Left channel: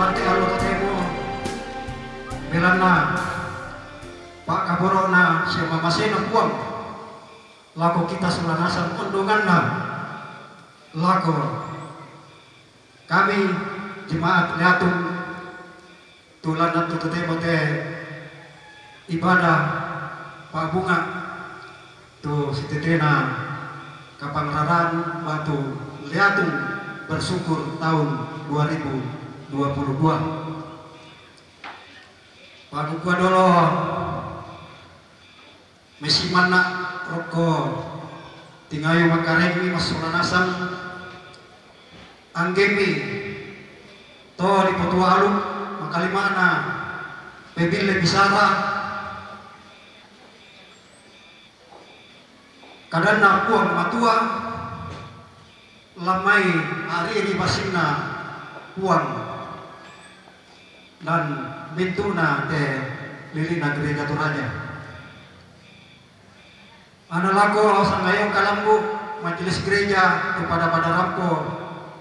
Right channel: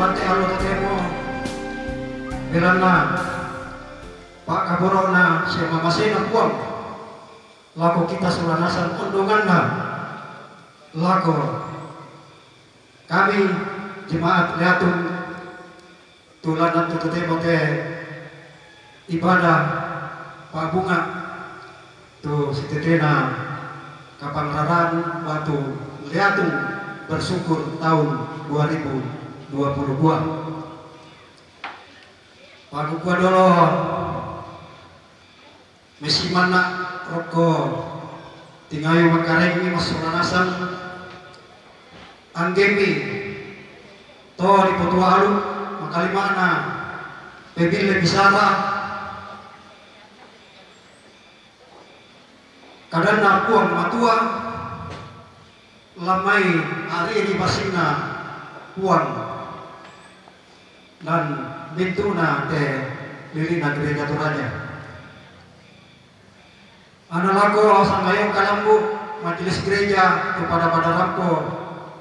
Marte alo tatemo bilana Pak Kaborona si mamasena kuang laku kita selanasan undunganna laku kami jemaat lihatun tulanan tututemo te ibadah Pak Bunga tu sitetena Kapangraran Batu Liatung bersyukur tahun 2022. Pagukua dolo mesi mana roko tingayo makaremi masulanasan anggemi to di potualu makalimana pebile bisara kadana puang matua lamai hari ini pasina puang dan bintuna te lilina gereja turaja ana lago sangayong kalambu majelis gereja kepada pada rampo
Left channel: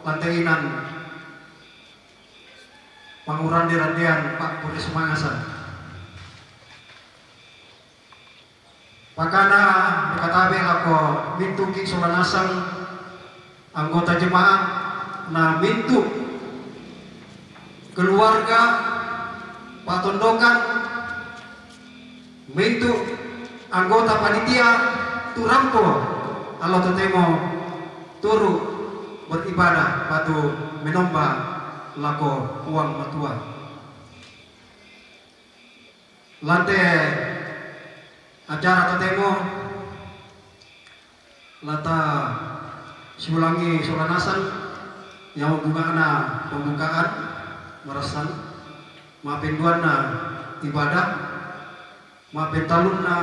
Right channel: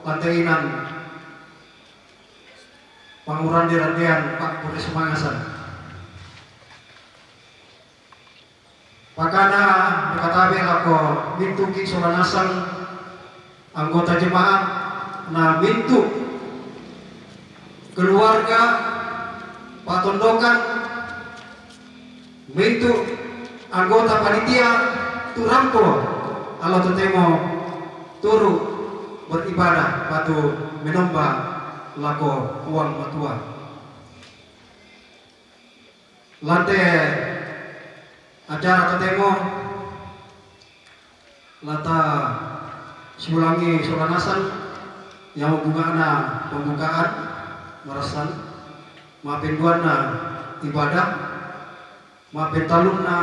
lantainan panguran dirandian Pak Puris Mangasan pakana berkatabe lako bintu king solanasang anggota jemaat na bintu keluarga patondokan bintu anggota panitia turampo Allah tetemo turu beribadah batu menomba lako uang matua lantai acara tetemo lata siulangi solanasan yang pembukaan merasan maafin duana ibadah maafin talunna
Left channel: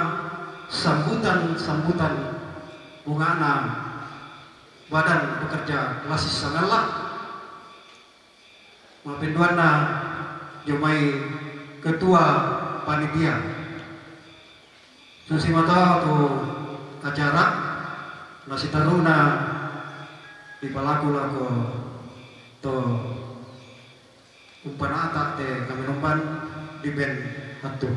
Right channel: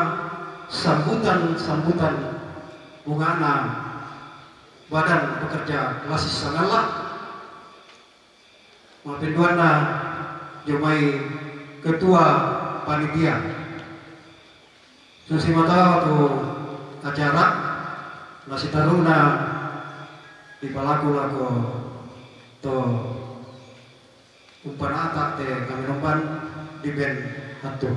sambutan bungana badan pekerja klasis sangalah maafin duana jomai ketua panitia susi mata tu acara nasi taruna di palaku laku to umpana atak te kami nompan di ben hatu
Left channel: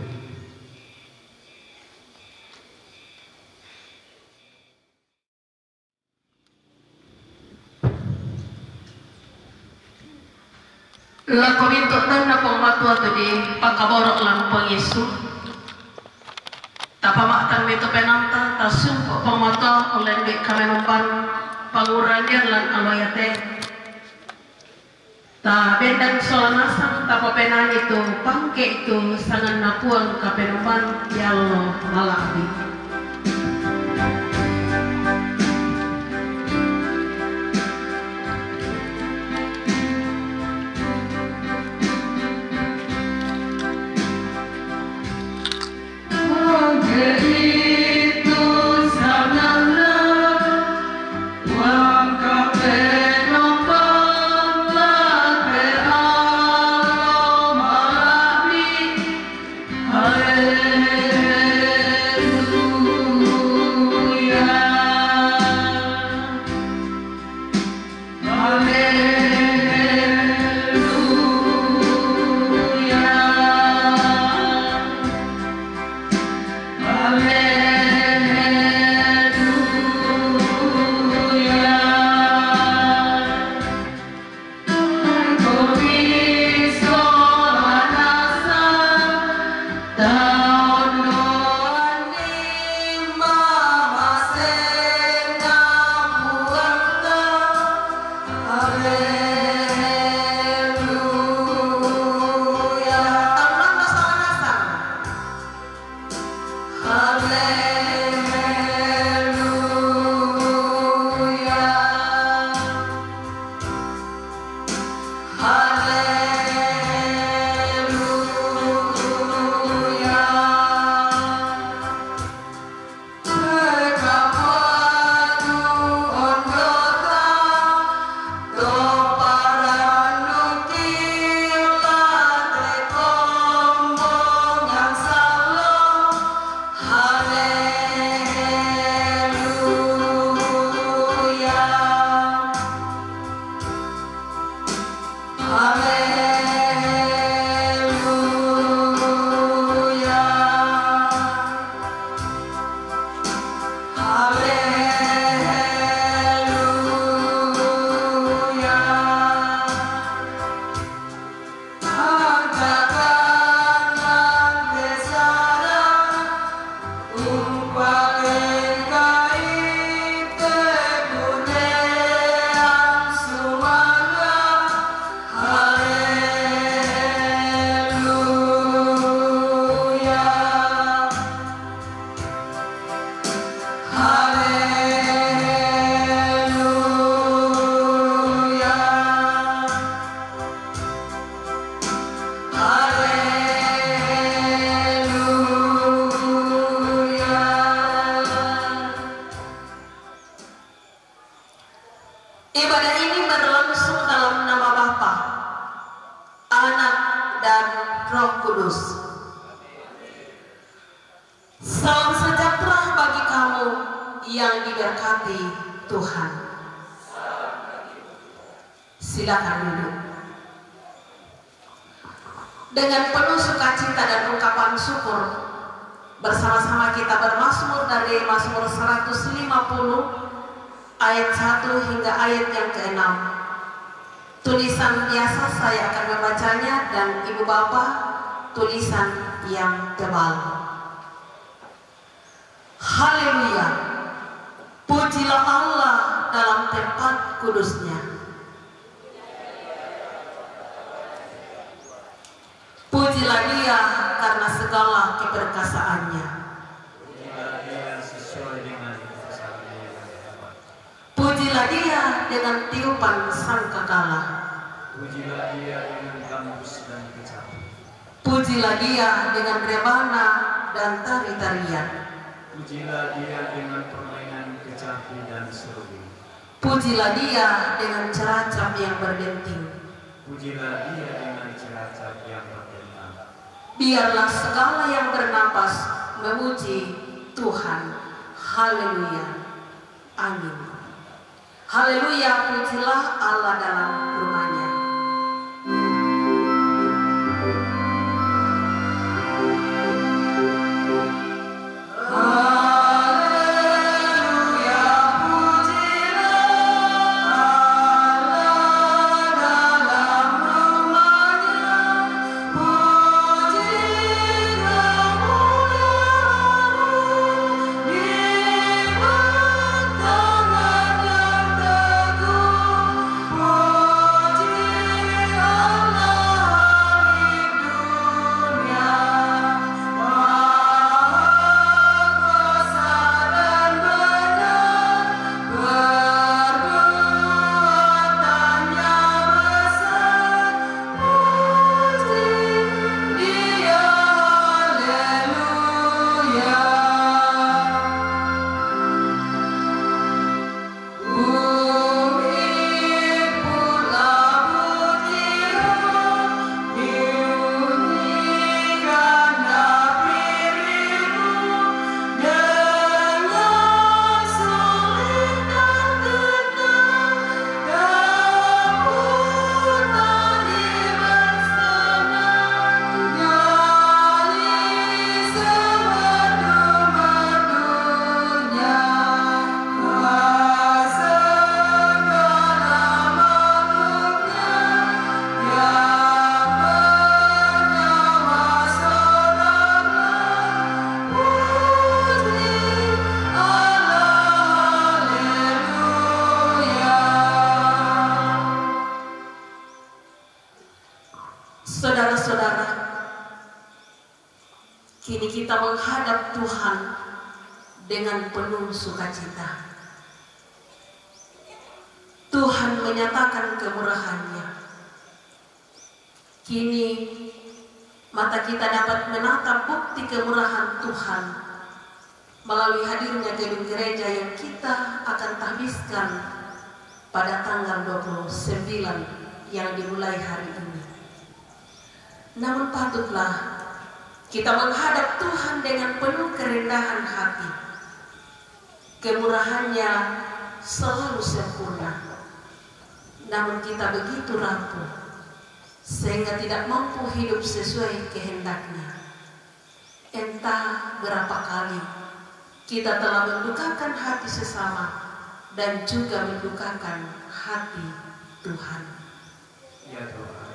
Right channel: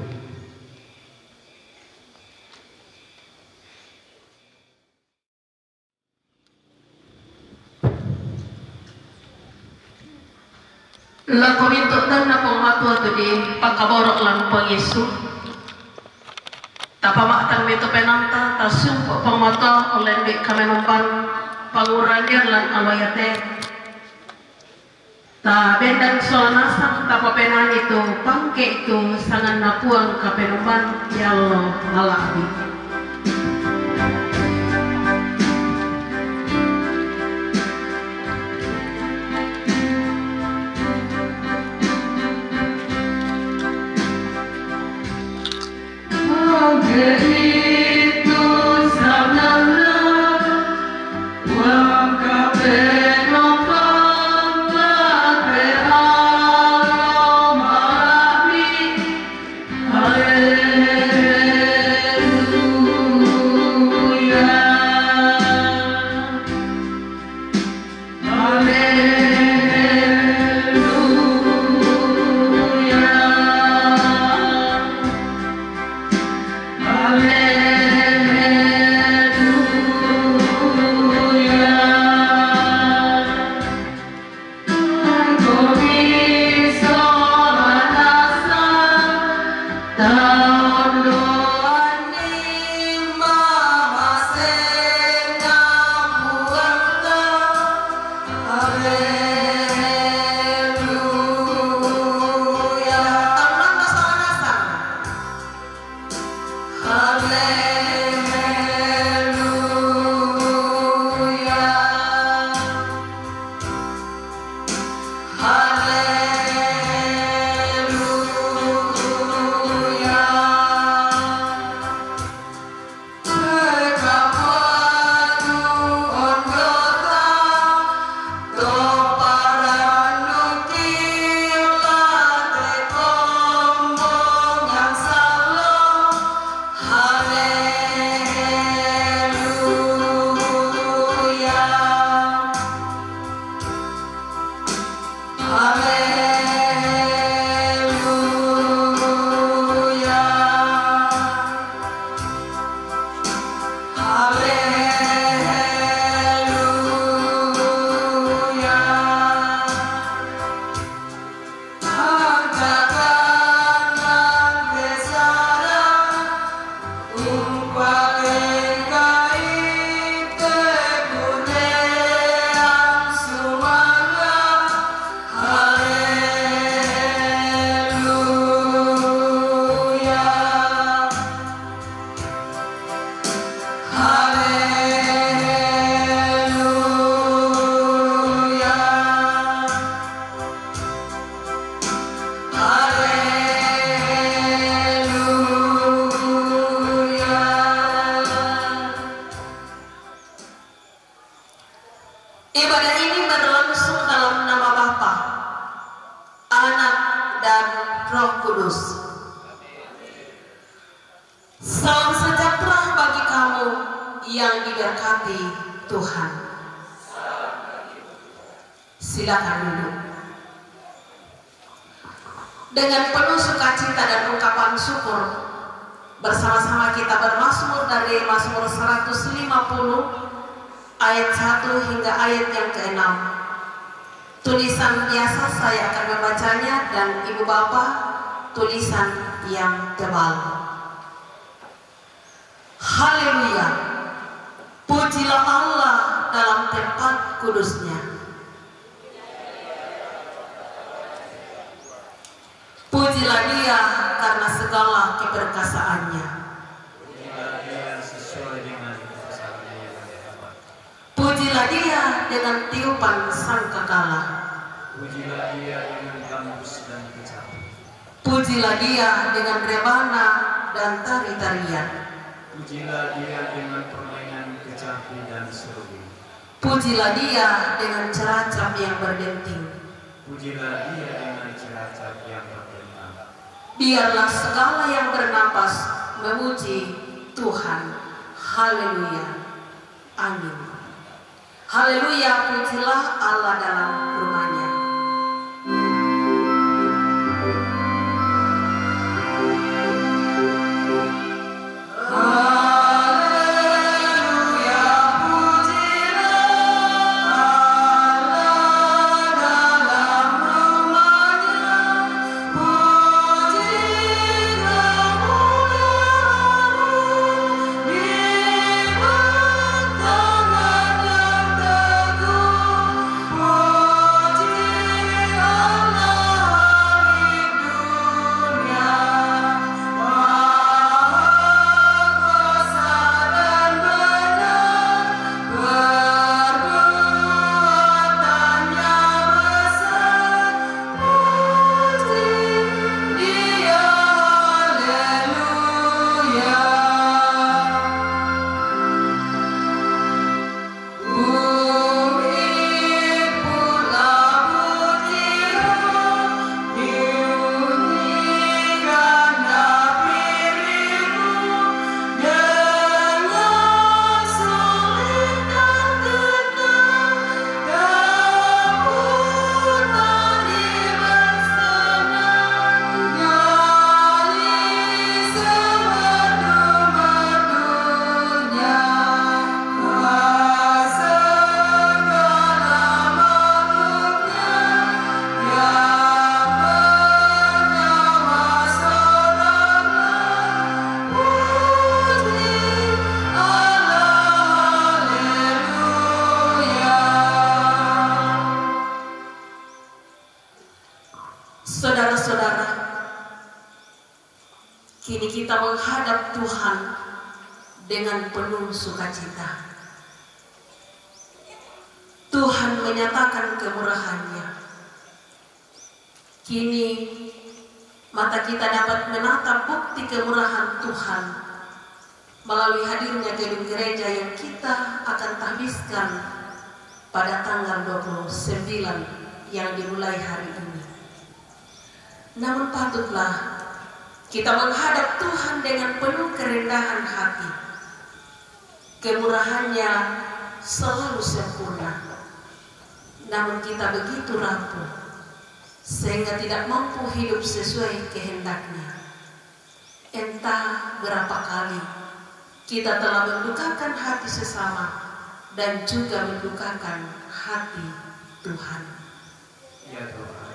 la komento dan na pematua tu di pakaborok lang pang Yesu tapamatang mito penanta tasumpo pematua oleh di kami nompan panguranian lan awayate ta bendang solanasang tapapenan itu pangke itu sangan napuang kapenuman ya Allah alabi Ibadah ini berlangsung dalam nama Bapa, Anak, dan Roh Kudus. Salam sejahtera bagi kamu yang diberkati Tuhan. Silakan duduk. Dengan penuh sukacita dan ungkapan syukur, bersama-sama kita bermazmur dari Mazmur 150 ayat 1 hingga ayat yang ke-6. Tulisan biasa saya akan membacanya dan Ibu Bapak tulisan yang tebal. Haleluya. Pujilah Allah dalam tempat kudusnya. Pujilah Dia karena segala keperkasaannya. Pujilah Dia sesuai dengan kebesarannya yang hebat. Pujilah Dia dengan tiupan sangkakala. Pujilah Dia dengan gambus dan kecapi. Pujilah Dia dengan rebana dan tari-tarian. Pujilah Dia dengan permainan kecapi dan seruling. Pujilah Dia dengan ceracap yang berdenting. Pujilah Dia dengan ceracap yang berbentang. Biarlah segala yang bernapas memuji Tuhan. Haleluya. Amin. Haleluya, pujilah Allah dalam rumahnya. Saudara-saudara, kini kita menghadap Tuhan dengan penuh sukacita. Tuhan menyatakan kemurahan-Nya. Kini mata kita dapat menatap bukti kemurahan Tuhan melalui hadirnya gedung gereja yang kita akan tahbiskan pada tanggal 29 yang dimulai hari ini. Namun patutlah kita menghadap Tuhan dengan penuh kerendahan hati. Kemurahan-Nya selalu sempurna. Namun kita begitu rapuh sehingga tidak mampu hidup sesuai kehendak-Nya. Entah berapa kali kita telah mendukakan hati sesama dan juga mendukakan hati Tuhan. Ya Tuhan,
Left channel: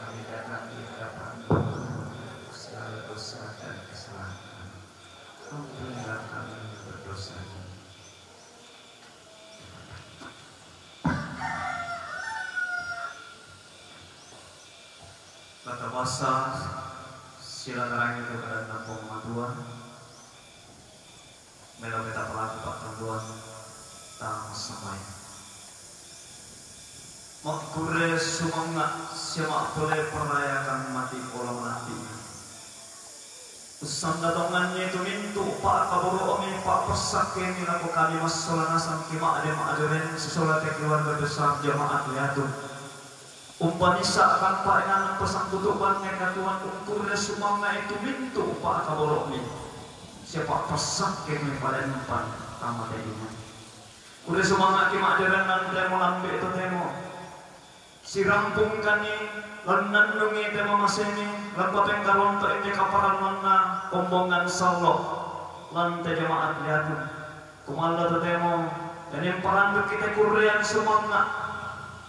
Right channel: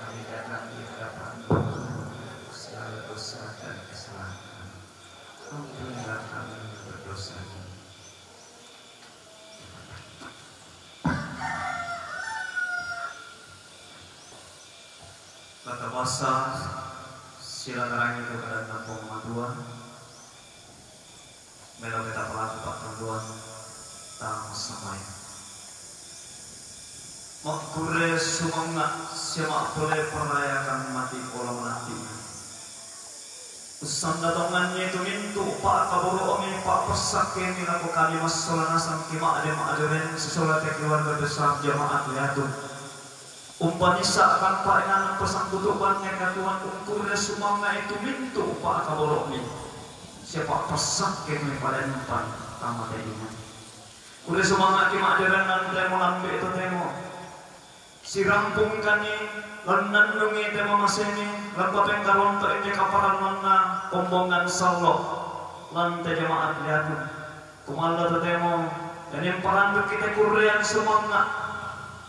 kami datang di hadapan-Mu segala dosa dan kesalahan. Ampunilah kami berdosa ini. Kata bahasa sila terang itu pada 6,2 Melo kita pelaku pertemuan tang samay. Makure sumangga siya makure perayakan mati kolam nanti. Usang datongannya itu mintu pak kaburu omi pak pesak kini laku kali masalah nasam kima aderen sesolat keluarga besar jamaat lihatun. Umpanisa akan pak yang pesan kutubannya katuan ukurnya sumanga itu mintu pak kaburu omi. Siapa pesak kini pada empan tamat ini. Udah sumanga kima aderen nan demo lambe itu demo. Si rampung kani Lanan nungi tema maseni, lampapeng karon to ini kaparan mana kombongan sallo, lantai jemaat lihatun, kumala to demo, dan yang parandu kita kurian semangat,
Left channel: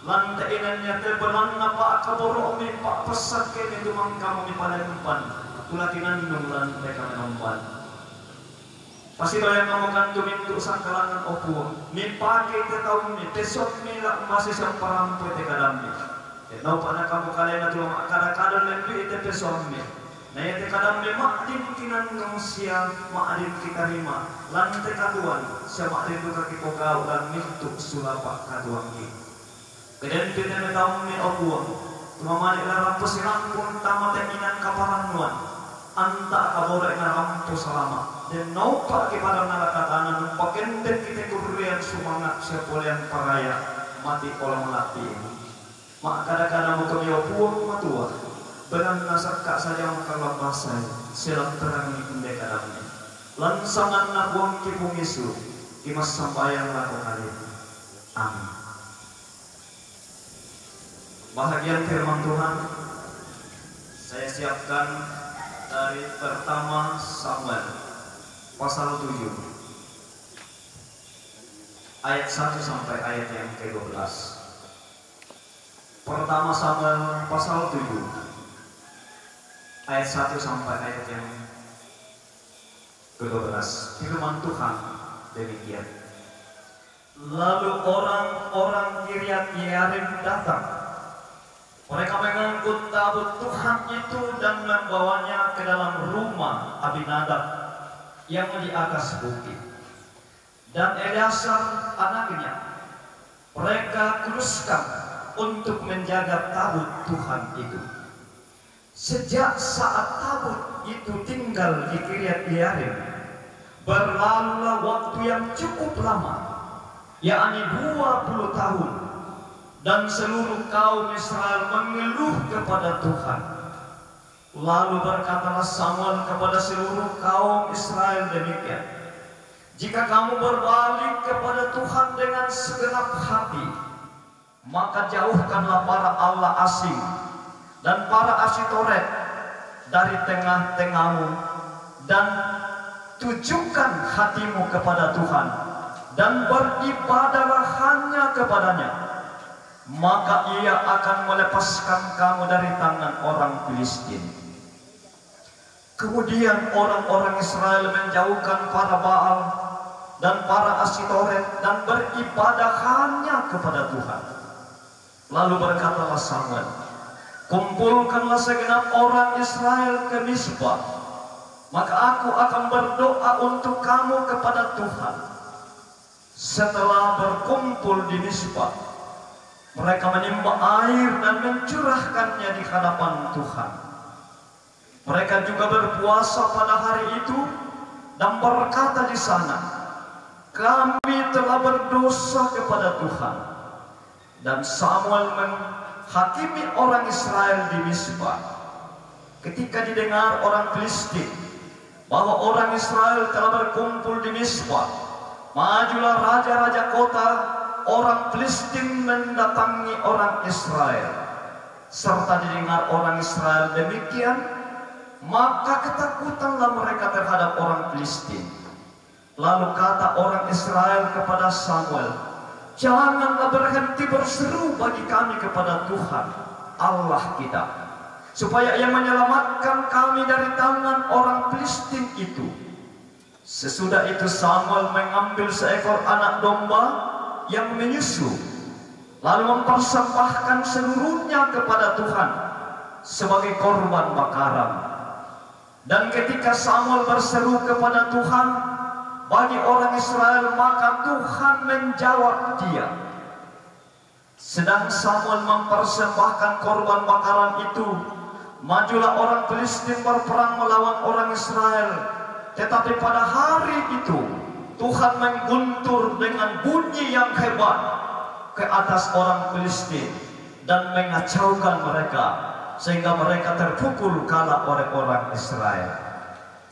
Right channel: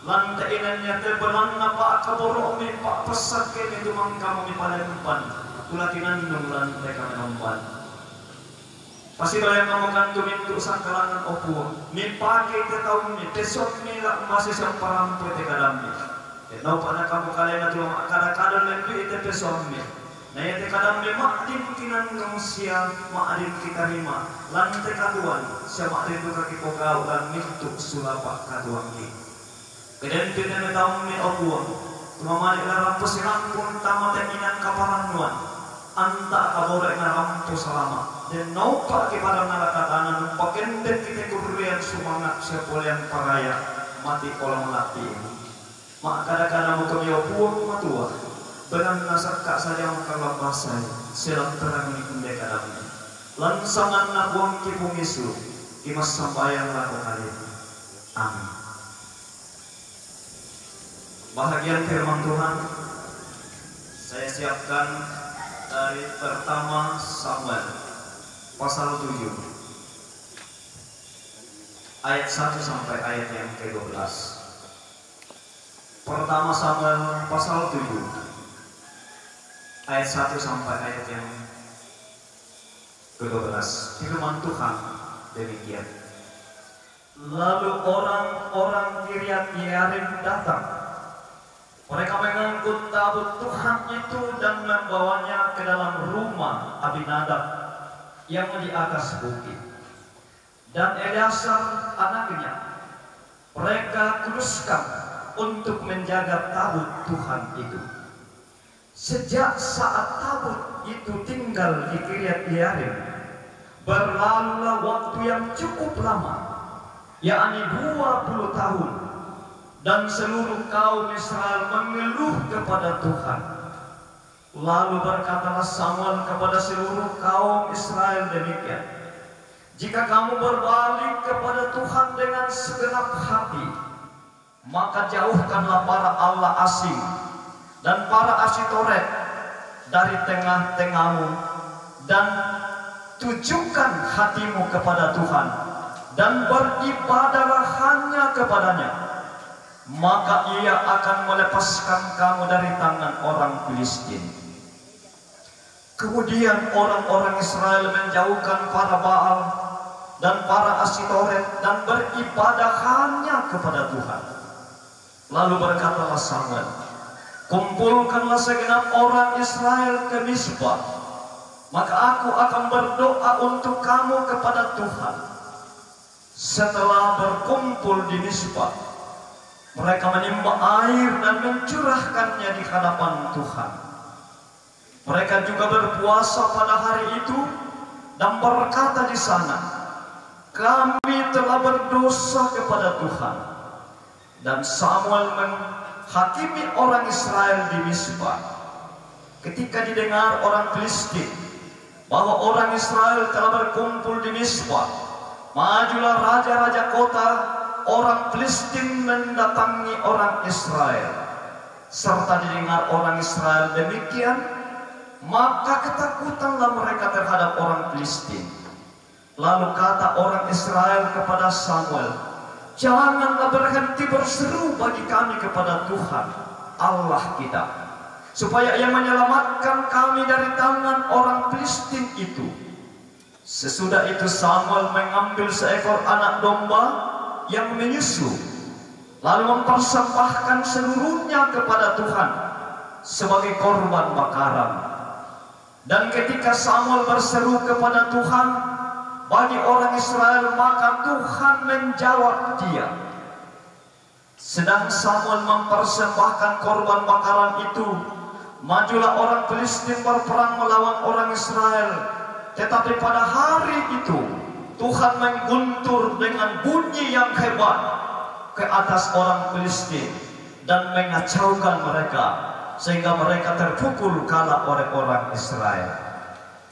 lantai inanya te belanna pak kaboro omi pak pesak kini dumang kamu di palempan, tulatinan nung lantai kami nampan. Pasti doyan kamu kan tumintu sangkalangan opu, mi pagi te tahun ni, besok mi lah masih samparampu te kadambi. Nau pada kamu kalian itu kadang-kadang lebih itu pesomnya. Nah itu kadang memang adin kinan manusia, adin kita rima. Lantai kaduan, siapa adin duka kita kau dan mintuk sulapak kaduan ini. Kemudian kita tahu mi obuang, cuma malik lampus rampun tamat inan kaparanuan. Anta kaborek rampus selama. Dan nau pak kepada nalakatanan, pakai kita kurian semangat siapa yang paraya mati kolam melati ini. Mak kadang-kadang muka dia buang matua beran nasak kak saja kalau basai selam terang ini pendek kadangnya lansangan nak buang kipung isu imas sambayang laku kali amin. Bahagian firman Tuhan saya siapkan dari pertama Samuel pasal 7 ayat 1 sampai ayat yang ke-12. Pertama Samuel pasal 7 ayat 1 sampai ayat yang ke-12. Firman Tuhan demikian. Lalu orang-orang Kiryat Yearim datang. Mereka mengangkut tabut Tuhan itu dan membawanya ke dalam rumah Abinadab yang di atas bukit. Dan Eleazar anaknya mereka kuduskan untuk menjaga tabut Tuhan itu. Sejak saat tabut itu tinggal di Kiryat Yearim, berlalulah waktu yang cukup lama, yakni 20 tahun, dan seluruh kaum Israel mengeluh kepada Tuhan. Lalu berkatalah Samuel kepada seluruh kaum Israel demikian, jika kamu berbalik kepada Tuhan dengan segenap hati, maka jauhkanlah para Allah asing dan para Asitoret dari tengah-tengahmu dan tujukan hatimu kepada Tuhan dan beribadahlah hanya kepadanya, maka ia akan melepaskan kamu dari tangan orang Filistin. Kemudian orang-orang Israel menjauhkan para Baal dan para Asitoret dan beribadah hanya kepada Tuhan. Lalu berkatalah Samuel, kumpulkanlah segenap orang Israel ke Mizpah, maka aku akan berdoa untuk kamu kepada Tuhan. Setelah berkumpul di Mizpah, mereka menimba air dan mencurahkannya di hadapan Tuhan. Mereka juga berpuasa pada hari itu dan berkata di sana, kami telah berdosa kepada Tuhan. Dan Samuel menghakimi orang Israel di Mizpah. Ketika didengar orang Filistin bahwa orang Israel telah berkumpul di Mizpah, majulah raja-raja kota orang Filistin mendatangi orang Israel. Serta didengar orang Israel demikian, maka ketakutanlah mereka terhadap orang Filistin. Lalu kata orang Israel kepada Samuel, janganlah berhenti berseru bagi kami kepada Tuhan Allah kita, supaya ia menyelamatkan kami dari tangan orang Filistin itu. Sesudah itu Samuel mengambil seekor anak domba yang menyusu, lalu mempersembahkan seluruhnya kepada Tuhan sebagai korban bakaran. Dan ketika Samuel berseru kepada Tuhan bagi orang Israel, maka Tuhan menjawab dia. Sedang Samuel mempersembahkan korban bakaran itu, Majulah orang Filistin berperang melawan orang Israel. Tetapi pada hari itu Tuhan mengguntur dengan bunyi yang hebat ke atas orang Filistin dan mengacaukan mereka sehingga mereka terpukul kalah oleh orang Israel.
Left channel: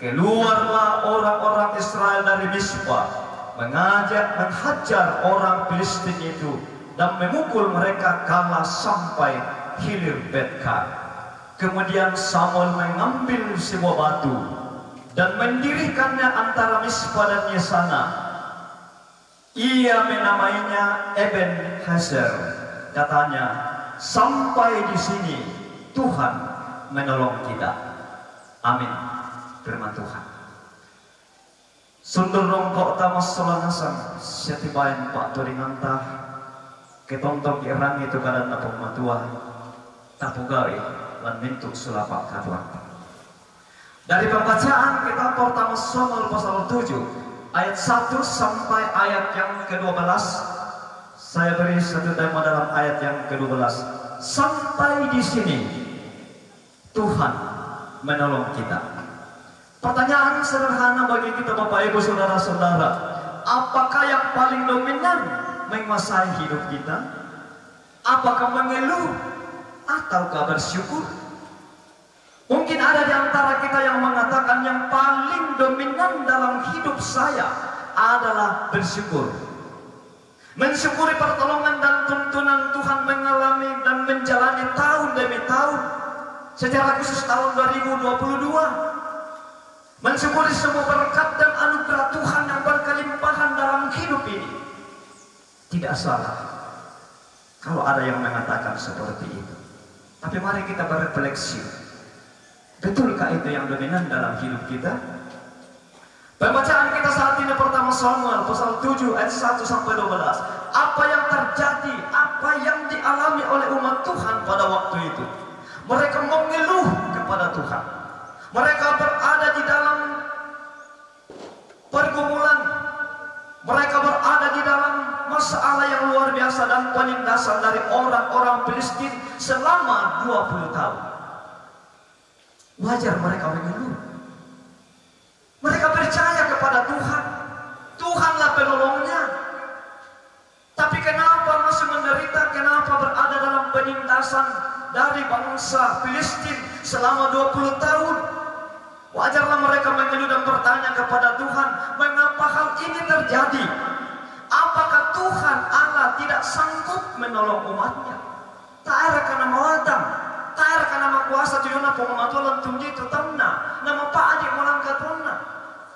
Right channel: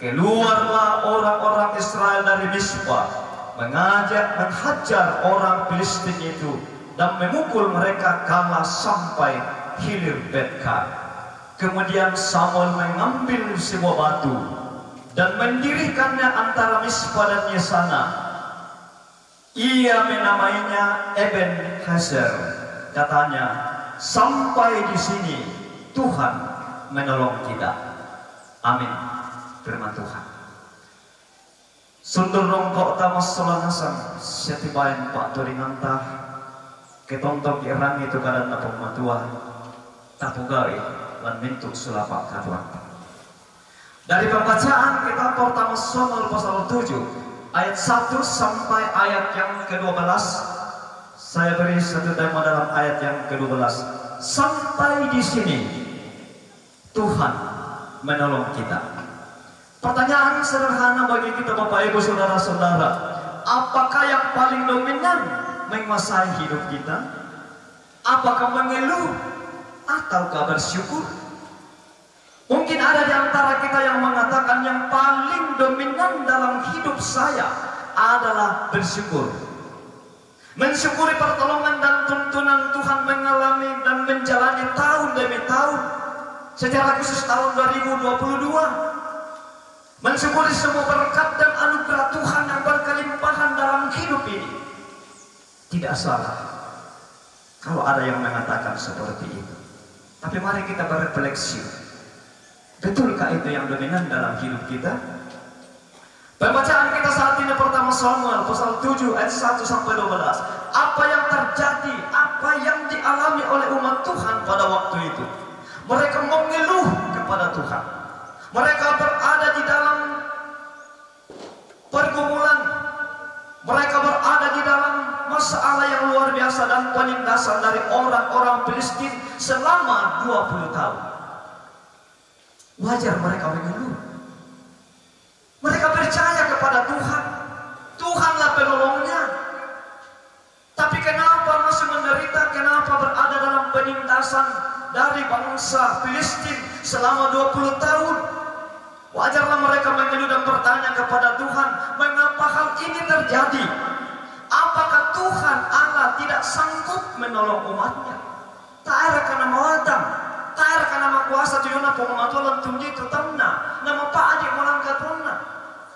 Keluarlah orang-orang Israel dari Mispa, menghajar orang Filistin itu dan memukul mereka kalah sampai hilir Betkar. Kemudian Samuel mengambil sebuah batu dan mendirikannya antara Mispa dan Yesana. Ia menamainya Ebenezer. Katanya, sampai di sini Tuhan menolong kita. Amin. Firman Tuhan. Sundur rongkok tamas solanasang setibain pak turingantah ketontok irang itu kadang napong matua tapugawi lan mintuk sulapak kaduan. Dari pembacaan kita pertama Samuel pasal 7 ayat 1 sampai ayat yang ke-12. Saya beri satu tema dalam ayat yang ke-12. Sampai di sini Tuhan menolong kita. Pertanyaan sederhana bagi kita Bapak Ibu Saudara-saudara, apakah yang paling dominan menguasai hidup kita? Apakah mengeluh ataukah bersyukur? Mungkin ada di antara kita yang mengatakan yang paling dominan dalam hidup saya adalah bersyukur. Mensyukuri pertolongan dan tuntunan Tuhan mengalami dan menjalani tahun demi tahun. Secara khusus tahun 2022. Mensyukuri semua berkat dan anugerah Tuhan yang berkelimpahan dalam hidup ini. Tidak salah kalau ada yang mengatakan seperti itu. Tapi mari kita berefleksi. Betulkah itu yang dominan dalam hidup kita? Pembacaan kita saat ini pertama Samuel pasal 7 ayat 1 sampai 12. Apa yang terjadi, apa yang dialami oleh umat Tuhan pada waktu itu? Mereka mengeluh kepada Tuhan. Mereka berada di dalam pergumulan. Mereka berada di dalam masalah yang luar biasa dan penindasan dari orang-orang Filistin selama 20 tahun. Wajar mereka mengeluh. Mereka percaya kepada Tuhan. Tuhanlah penolongnya. Tapi kenapa masih menderita? Kenapa berada dalam penindasan dari bangsa Filistin selama 20 tahun? Wajarlah mereka mengeluh dan bertanya kepada Tuhan, mengapa hal ini terjadi? Apakah Tuhan Allah tidak sanggup menolong umatnya? Tak ada karena mawadam, tak ada karena kuasa tuyuna pematualan tumji itu tanah, nama Pak Adik melangkah tanah.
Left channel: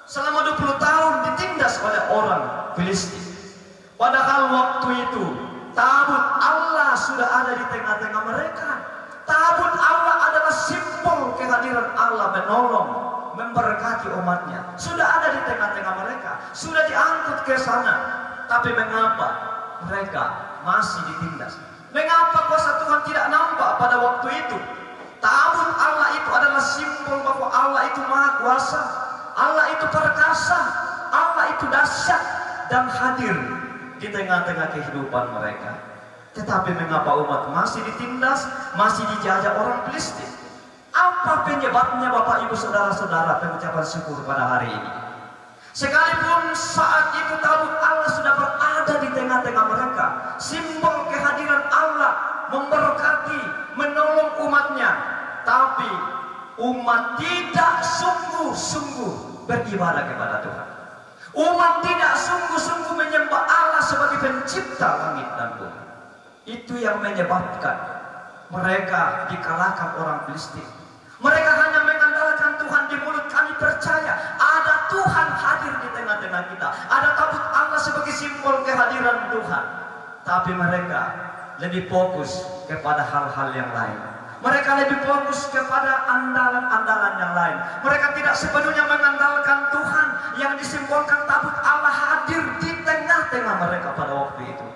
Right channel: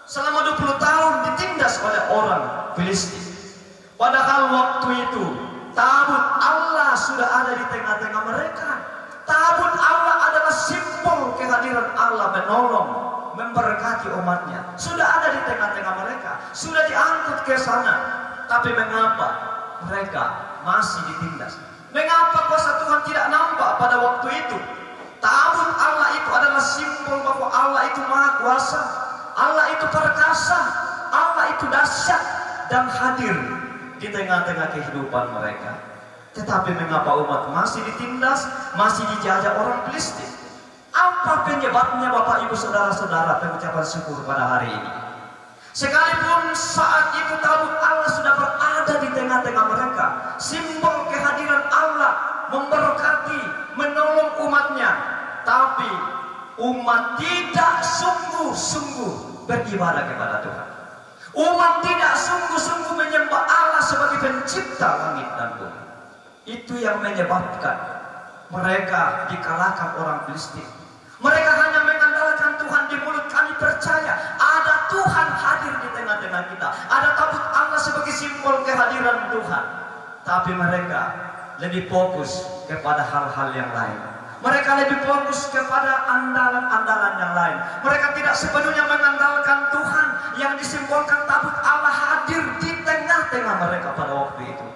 Selama 20 tahun ditindas oleh orang Filistin. Padahal waktu itu tabut Allah sudah ada di tengah-tengah mereka. Tabut Allah adalah simbol kehadiran Allah menolong, memberkati umatnya. Sudah ada di tengah-tengah mereka, sudah diangkut ke sana. Tapi mengapa mereka masih ditindas? Mengapa kuasa Tuhan tidak nampak pada waktu itu? Tabut Allah itu adalah simbol bahwa Allah itu maha kuasa, Allah itu perkasa, Allah itu dahsyat dan hadir di tengah-tengah kehidupan mereka. Tetapi mengapa umat masih ditindas, masih dijajah orang Filistin? Apa penyebabnya Bapak Ibu Saudara-saudara pengucapan syukur pada hari ini? Sekalipun saat itu tabut Allah sudah berada di tengah-tengah mereka, simbol kehadiran Allah memberkati, menolong umatnya, tapi umat tidak sungguh-sungguh beribadah kepada Tuhan. Umat tidak sungguh-sungguh menyembah Allah sebagai pencipta langit dan bumi. Itu yang menyebabkan mereka dikalahkan orang Filistin. Mereka hanya mengandalkan Tuhan di mulut. Kami percaya ada Tuhan hadir di tengah-tengah kita. Ada tabut Allah sebagai simbol kehadiran Tuhan. Tapi mereka lebih fokus kepada hal-hal yang lain. Mereka lebih fokus kepada andalan-andalan yang lain. Mereka tidak sepenuhnya mengandalkan Tuhan yang disimbolkan tabut Allah hadir di tengah-tengah mereka pada waktu itu.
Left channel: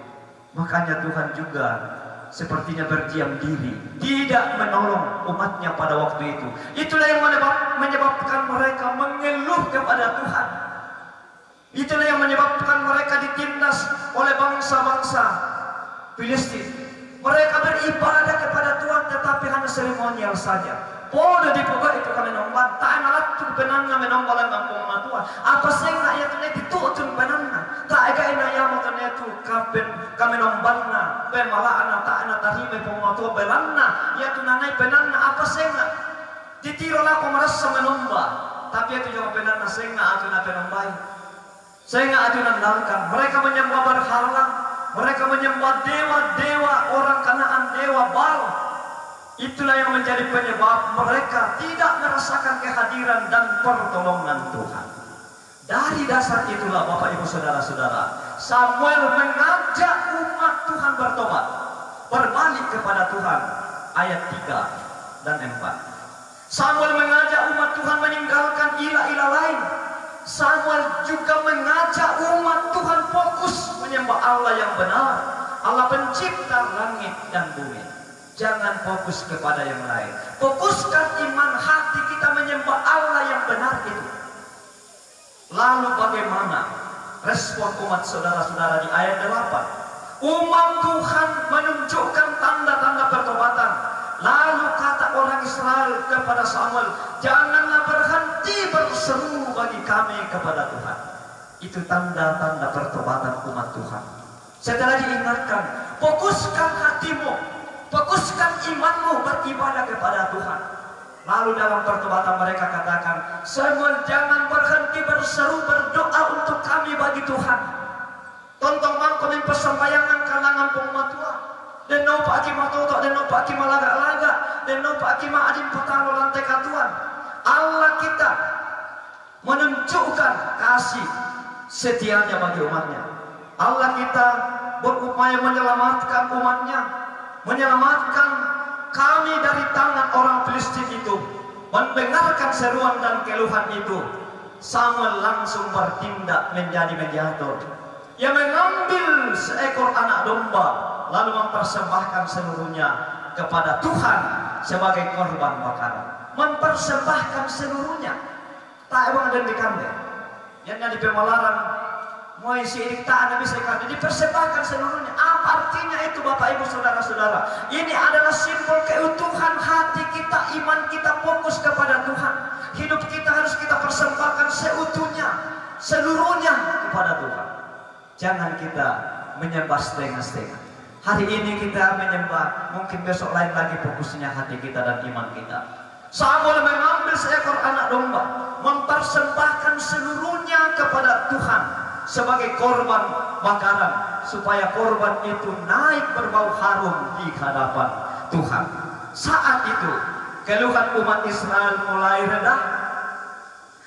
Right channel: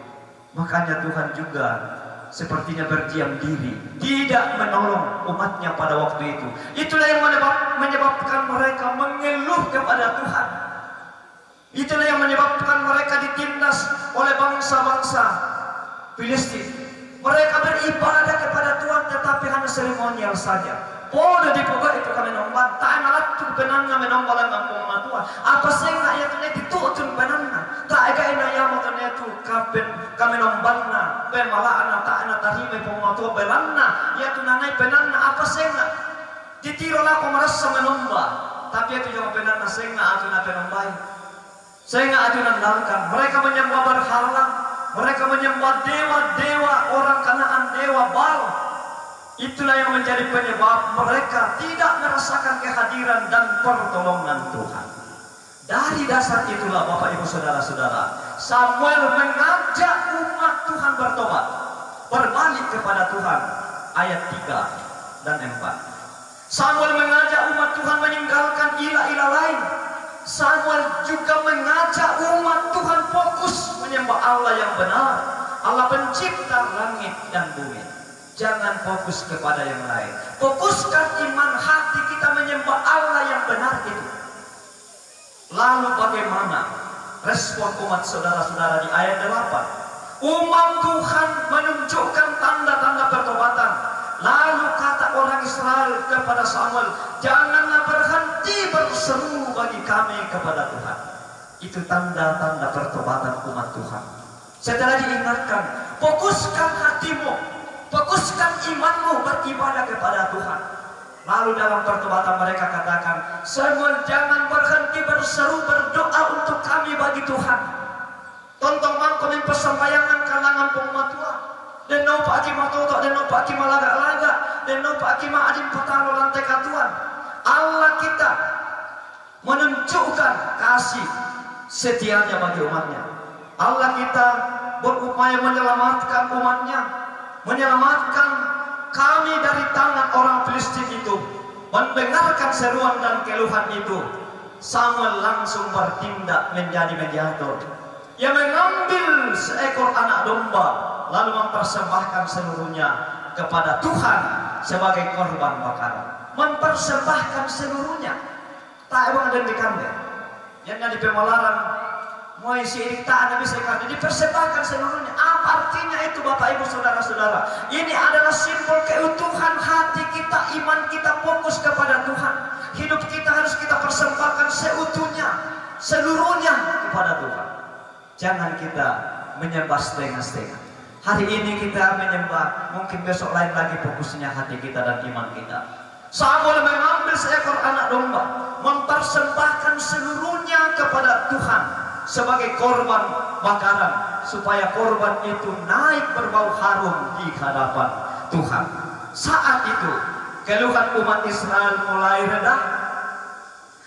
Makanya Tuhan juga sepertinya berdiam diri, tidak menolong umatnya pada waktu itu. Itulah yang menyebabkan mereka mengeluh kepada Tuhan. Itulah yang menyebabkan mereka ditindas oleh bangsa-bangsa Filistin. Mereka beribadah kepada Tuhan tetapi hanya seremonial saja. Podo di pokok itu kami nombang, tak nalat tu penanna menombalan kampung matua. Apa senga ya tu neti tutun penanna, tak ega ina ya mata netu kapen kami nombangna, pemalaana tak ina tarime pematua belanna, ya tu nanai penanna apa senga. Ditiro lah kau merasa menomba, tapi itu jangan penanna senga atu na penombai, senga atu nandalkan. Mereka menyembah berhala, mereka menyembah dewa-dewa orang Kanaan, dewa Baal. Itulah yang menjadi penyebab mereka tidak merasakan kehadiran dan pertolongan Tuhan. Dari dasar itulah Bapak Ibu Saudara-saudara, Samuel mengajak umat Tuhan bertobat, berbalik kepada Tuhan. Ayat 3 dan 4. Samuel mengajak umat Tuhan meninggalkan ilah-ilah lain. Samuel juga mengajak umat Tuhan fokus menyembah Allah yang benar, Allah pencipta langit dan bumi. Jangan fokus kepada yang lain. Fokuskan iman hati kita menyembah Allah yang benar itu. Lalu bagaimana respon umat saudara-saudara di ayat 8? Umat Tuhan menunjukkan tanda-tanda pertobatan. Lalu kata orang Israel kepada Samuel, janganlah berhenti berseru bagi kami kepada Tuhan. Itu tanda-tanda pertobatan umat Tuhan. Setelah diingatkan, fokuskan hatimu, fokuskan imanmu beribadah kepada Tuhan. Lalu dalam pertobatan mereka katakan, Samuel jangan berhenti berseru berdoa untuk kami bagi Tuhan. Tontong mangkomin persembayangan kalangan pematua. Dan no pak aki matoto, dan no pak aki malaga-laga, dan no pak aki maadim patalo lantai katuan. Allah kita menunjukkan kasih setianya bagi umatnya. Allah kita berupaya menyelamatkan umatnya, menyelamatkan kami dari tangan orang Filistin itu. Mendengarkan seruan dan keluhan itu, Samuel langsung bertindak menjadi mediator. Ia mengambil seekor anak domba, lalu mempersembahkan seluruhnya kepada Tuhan sebagai korban bakaran. Mempersembahkan seluruhnya. Tak emang ada di kandang. Yang di pemalaran mau isi irik tak ada bisa kandang. Dipersembahkan seluruhnya. Apa artinya itu Bapak Ibu Saudara-saudara? Ini adalah simbol keutuhan hati kita, iman kita fokus kepada Tuhan. Hidup kita harus kita persembahkan seutuhnya, seluruhnya kepada Tuhan. Jangan kita menyembah setengah-setengah. Hari ini kita menyembah, mungkin besok lain lagi fokusnya hati kita dan iman kita. Samuel mengambil seekor anak domba, mempersembahkan seluruhnya kepada Tuhan sebagai korban bakaran, supaya korban itu naik berbau harum di hadapan Tuhan. Saat itu keluhan umat Israel mulai reda.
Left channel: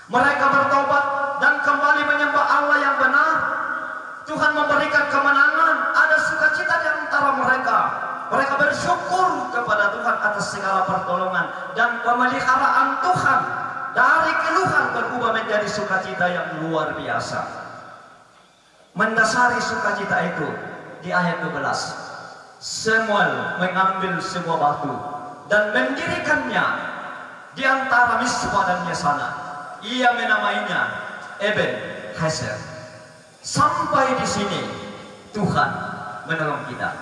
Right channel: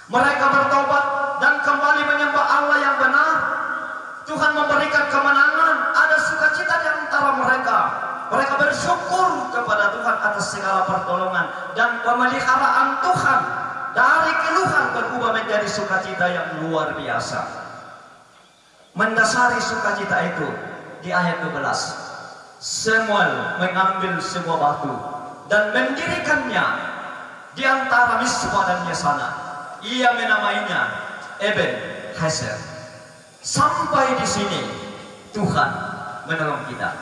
Mereka bertobat dan kembali menyembah Allah yang benar. Tuhan memberikan kemenangan, ada sukacita di antara mereka. Mereka bersyukur kepada Tuhan atas segala pertolongan dan pemeliharaan Tuhan. Dari keluhan berubah menjadi sukacita yang luar biasa. Mendasari sukacita itu di ayat 12. Samuel mengambil sebuah batu dan mendirikannya di antara Mispa dan Yesana. Ia menamainya Eben-Hezer. Sampai di sini Tuhan menolong kita.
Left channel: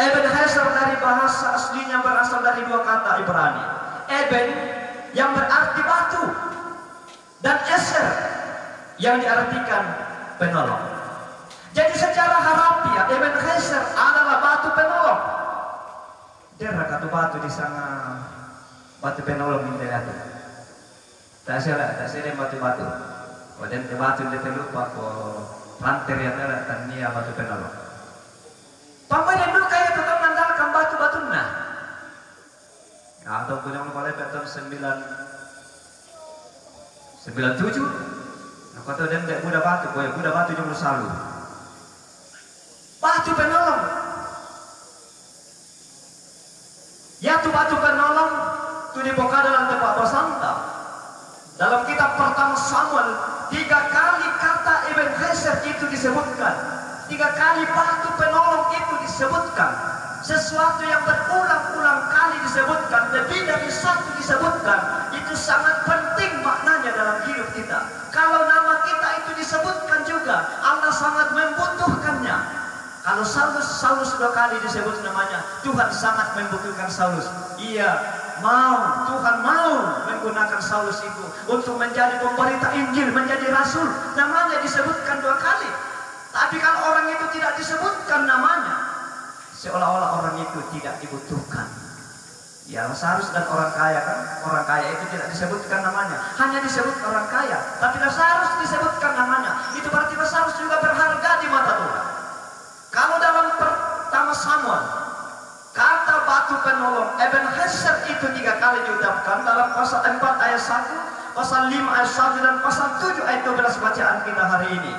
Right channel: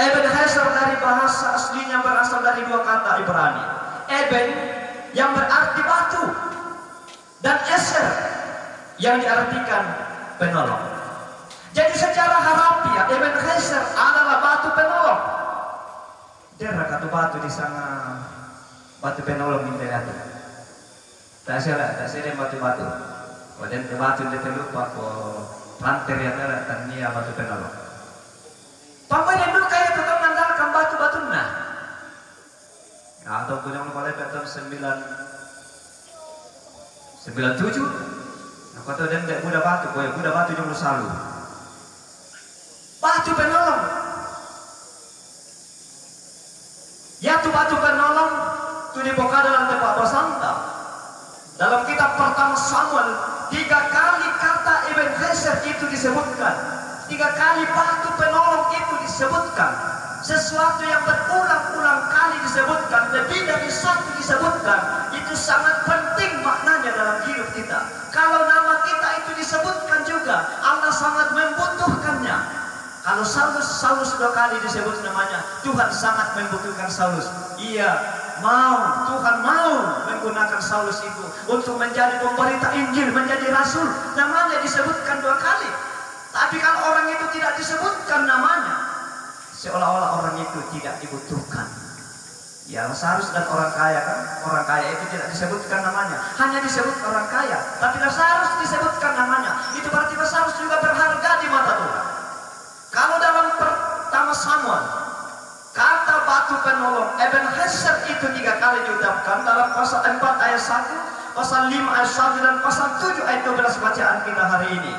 Eben-Hezer dari bahasa aslinya berasal dari dua kata Ibrani. Eben yang berarti batu, dan Ezer yang diartikan penolong. Jadi secara harfiah Eben-Hezer adalah batu penolong. Dia kata batu di sana, batu penolong ini itu. Tak salah batu-batu. Kemudian batu dia terlupa ko ranter ya tera tania batu penolong. Pampai dulu kayak tukang mengandalkan batu-batu nah. Atau punya mulai tahun 97. Nah kata dia tidak muda batu, kowe muda batu jumlah selalu. Batu penolong. Ya tu batu penolong tu dibuka dalam tempat bersanta. Dalam kitab pertama Samuel 3 kali kata Eben-Hezer itu disebutkan. 3 kali batu penolong itu disebutkan. Sesuatu yang berulang-ulang kali disebutkan, lebih dari satu disebutkan, itu sangat penting maknanya dalam hidup kita. Kalau nama kita itu disebutkan juga, Allah sangat membutuhkannya. Kalau Saulus 2 kali disebut namanya, Tuhan sangat membutuhkan Saulus. Ia Tuhan mau menggunakan Saulus itu untuk menjadi pemberita Injil, menjadi rasul. Namanya disebutkan 2 kali. Tapi kalau orang itu tidak disebutkan namanya, seolah-olah orang itu tidak dibutuhkan. Ya, Lazarus dan orang kaya kan, orang kaya itu tidak disebutkan namanya, hanya disebut orang kaya. Tapi Lazarus disebutkan namanya. Itu berarti Lazarus juga berharga di mata Tuhan. Kalau dalam pertama Samuel, kata batu penolong Ebenezer itu 3 kali diucapkan dalam pasal 4 ayat 1, pasal 5 ayat 1, dan pasal 7 ayat 12 bacaan kita hari ini.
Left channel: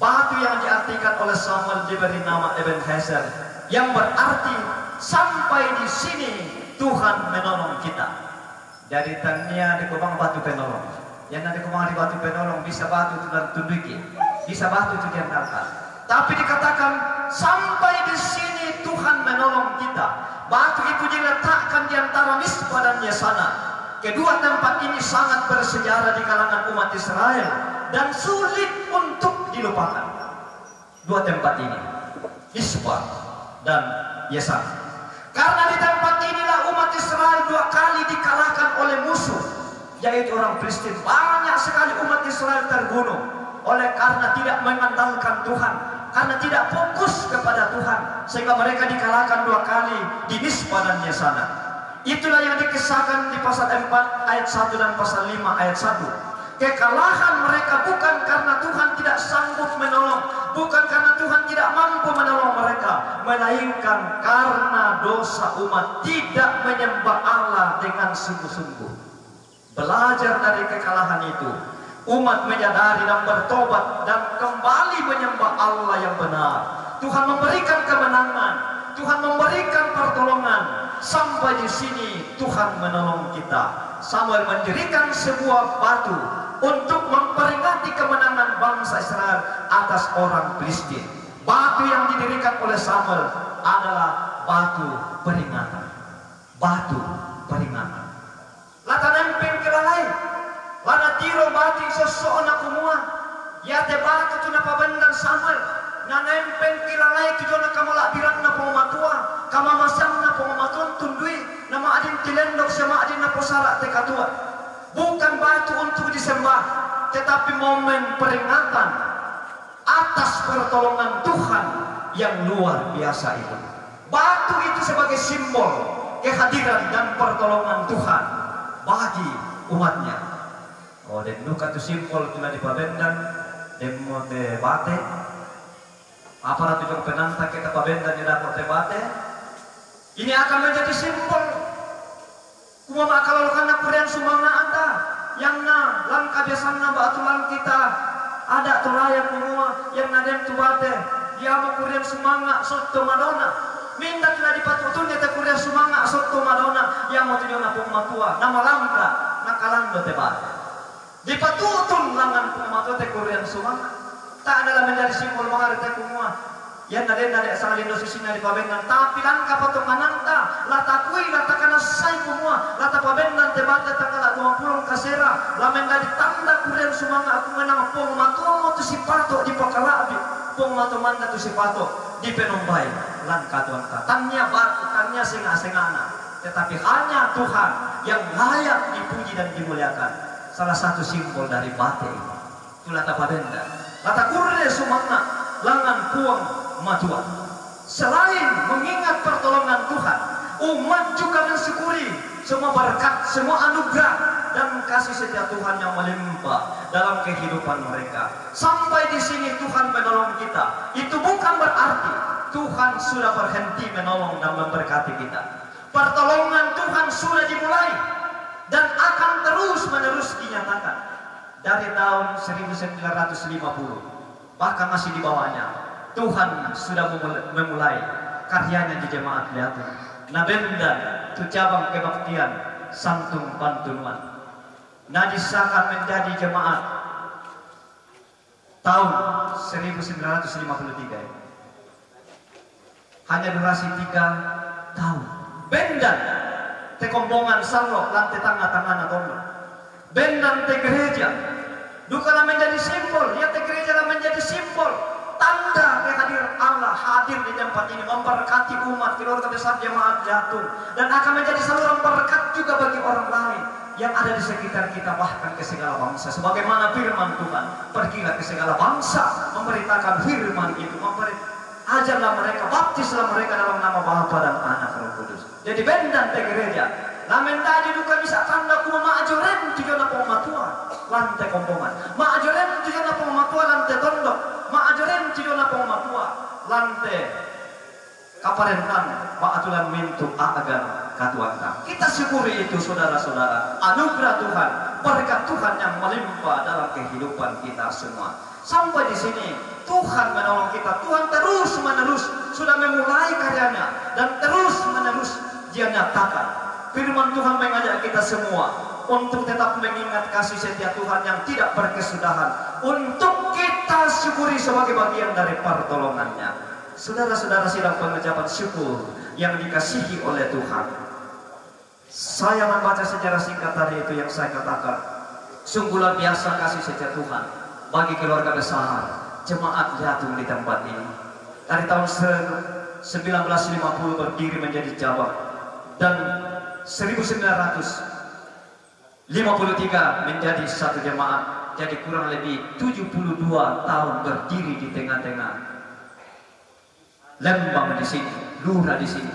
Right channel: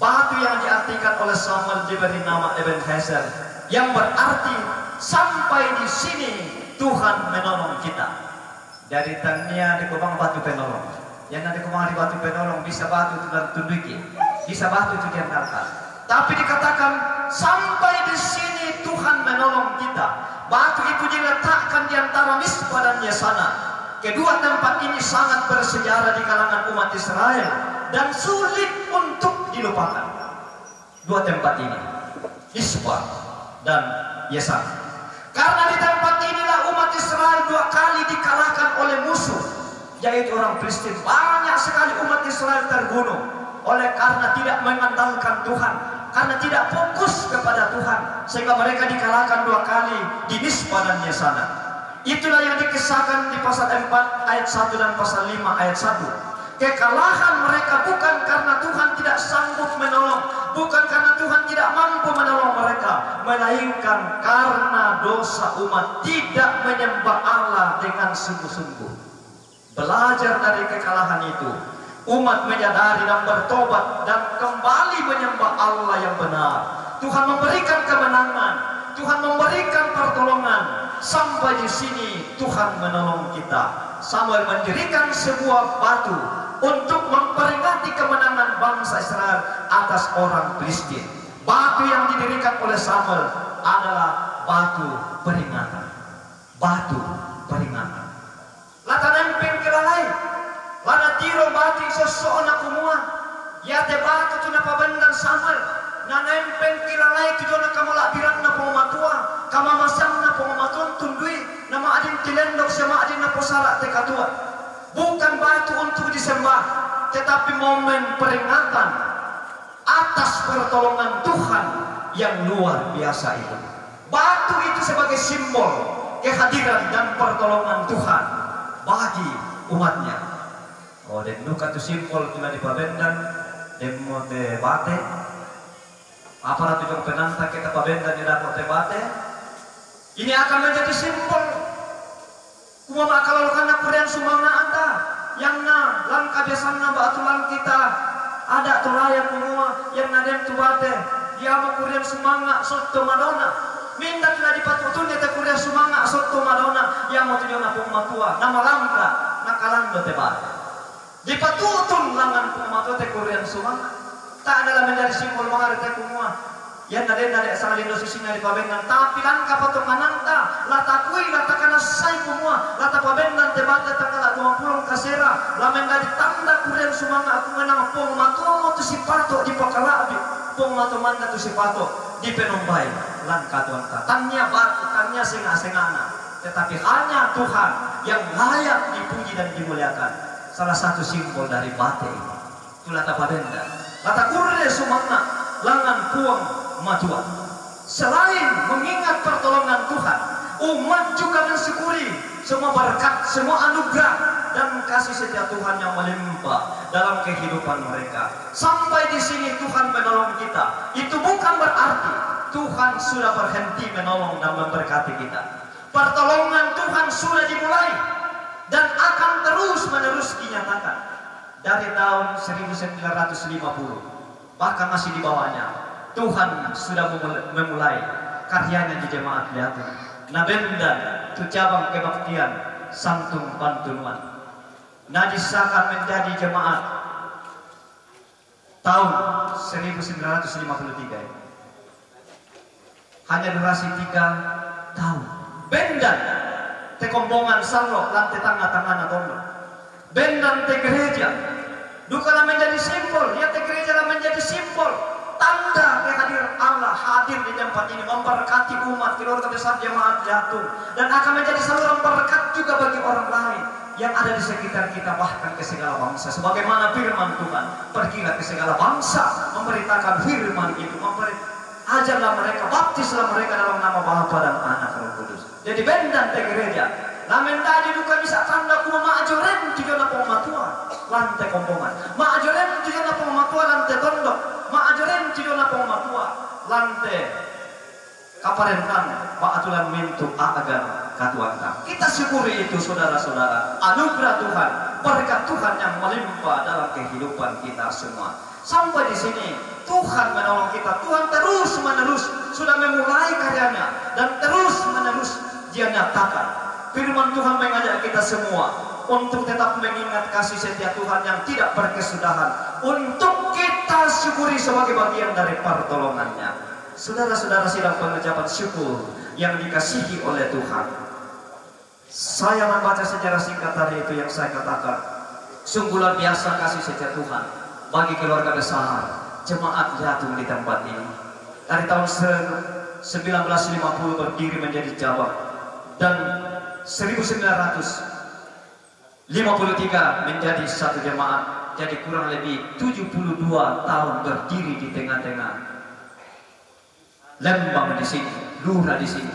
Batu yang diartikan oleh Samuel diberi nama Ebenezer, yang berarti sampai di sini Tuhan menolong kita. Dari tania di kubang batu penolong. Yang nanti kubang di batu penolong bisa batu itu dan tunduki, bisa batu itu diangkat. Tapi dikatakan sampai di sini Tuhan menolong kita. Batu itu diletakkan di antara Mispa dan Yesana. Kedua tempat ini sangat bersejarah di kalangan umat Israel dan sulit untuk dilupakan. 2 tempat ini, Mispa dan Yesana. Karena di tempat inilah umat Israel 2 kali dikalahkan oleh musuh, yaitu orang Filistin. Banyak sekali umat Israel terbunuh oleh karena tidak mengandalkan Tuhan, karena tidak fokus kepada Tuhan, sehingga mereka dikalahkan 2 kali di Mispa dan Yesana. Itulah yang dikisahkan di pasal 4 ayat 1 dan pasal 5 ayat 1. Kekalahan mereka bukan karena Tuhan tidak sanggup menolong, bukan karena Tuhan tidak mampu menolong mereka, melainkan karena dosa umat tidak menyembah Allah dengan sungguh-sungguh. Belajar dari kekalahan itu, umat menyadari dan bertobat dan kembali menyembah Allah yang benar. Tuhan memberikan kemenangan, Tuhan memberikan pertolongan. Sampai di sini Tuhan menolong kita. Samuel mendirikan sebuah batu untuk memperingati kemenangan bangsa Israel atas orang Filistin. Batu yang didirikan oleh Samuel adalah batu peringatan. Batu peringatan. Lata nempeng kelalai, lana tiro batu sesuatu kumua. Ya te batu tu napa bendan Samuel. Na nempeng kelalai tu jona kamala birang na pematua, kamamasang na pematuan tundui, nama adin tilendok sama adin na posara te katua. Bukan batu untuk disembah, tetapi momen peringatan atas pertolongan Tuhan yang luar biasa itu. Batu itu sebagai simbol kehadiran dan pertolongan Tuhan bagi umatnya. Oh, dan nuka itu simbol tula di pabendan, demo te bate. Apa ratu jong penanta kita pabendan di dapat te bate. Ini akan menjadi simbol. Kuma makalolkan na kurian sumanga anda yang na lang kabiasan na baatulan kita ada turayan kumua yang nadem tubate dia mo kurian sumanga sotto madonna minda kila dipatutun dia kurian sumanga sotto madonna yang mo tujuan na pumatua na malangka nakalando te bate dipatutun langan pumatua te kurian sumanga tak adalah menjadi simbol mangari te kumua yan na din sa lindo susina di pabendan tapi lang kapatungananta latakui latakana say kumua lata pabendan tebate takala 20 kasera lamen dari tanda kurian sumanga aku menang pong matumo tu sipato di pakalabi pong matumanda tu sipato di penombay lan katuan tanya batu tanya singa-singana tetapi hanya Tuhan yang layak dipuji dan dimuliakan. Salah satu simbol dari bate itu lata pabendan lata kurian sumanga langan puang matua. Selain mengingat pertolongan Tuhan, umat juga mensyukuri semua berkat, semua anugerah dan kasih setia Tuhan yang melimpah dalam kehidupan mereka. Sampai di sini Tuhan menolong kita. Itu bukan berarti Tuhan sudah berhenti menolong dan memberkati kita. Pertolongan Tuhan sudah dimulai dan akan terus-menerus dinyatakan dari tahun 1950, bahkan masih di bawahnya. Tuhan sudah memulai karyanya di jemaat Lihatun. Nabendan tu cabang kebaktian Santung Pantunuan. Nadisahkan menjadi jemaat tahun 1953. Hanya durasi 3 tahun. Bendan te kombongan sallo lantai tengah-tengah na tondo. Bendan te gereja. Dukalah menjadi simbol, ya te gereja lah menjadi simbol tanda kehadiran Allah hadir di tempat ini memberkati umat keluarga besar jemaat Jatun, dan akan menjadi saluran berkat juga bagi orang lain yang ada di sekitar kita, bahkan ke segala bangsa. Sebagaimana firman Tuhan, pergilah ke segala bangsa memberitakan firman itu, ajarlah mereka, baptislah mereka dalam nama Bapa dan Anak Roh Kudus. Jadi bendan te gereja lamen tadi duka bisa tanda kuma maajoren tujuan apa matua lantai kompongan, maajoren tujuan apa matua lantai tondok, maajoren tujuan apa matua lantai kaparentan paatulan mintu agan katuanta. Kita syukuri itu saudara-saudara, anugerah Tuhan, berkat Tuhan yang melimpah dalam kehidupan kita semua. Sampai di sini Tuhan menolong kita. Tuhan terus menerus sudah memulai karyanya dan terus menerus Dia nyatakan. Firman Tuhan mengajak kita semua untuk tetap mengingat kasih setia Tuhan yang tidak berkesudahan, untuk kita syukuri sebagai bagian dari pertolongannya. Saudara-saudara sidang pengucapan syukur yang dikasihi oleh Tuhan, saya membaca sejarah singkat tadi itu yang saya katakan, sungguh luar biasa kasih setia Tuhan bagi keluarga besar jemaat Jatun di tempat ini. Dari tahun 1950 berdiri menjadi cabang, dan 1953 menjadi satu jemaat. Jadi kurang lebih 72 tahun berdiri di tengah-tengah Lembang di sini, Lura di sini,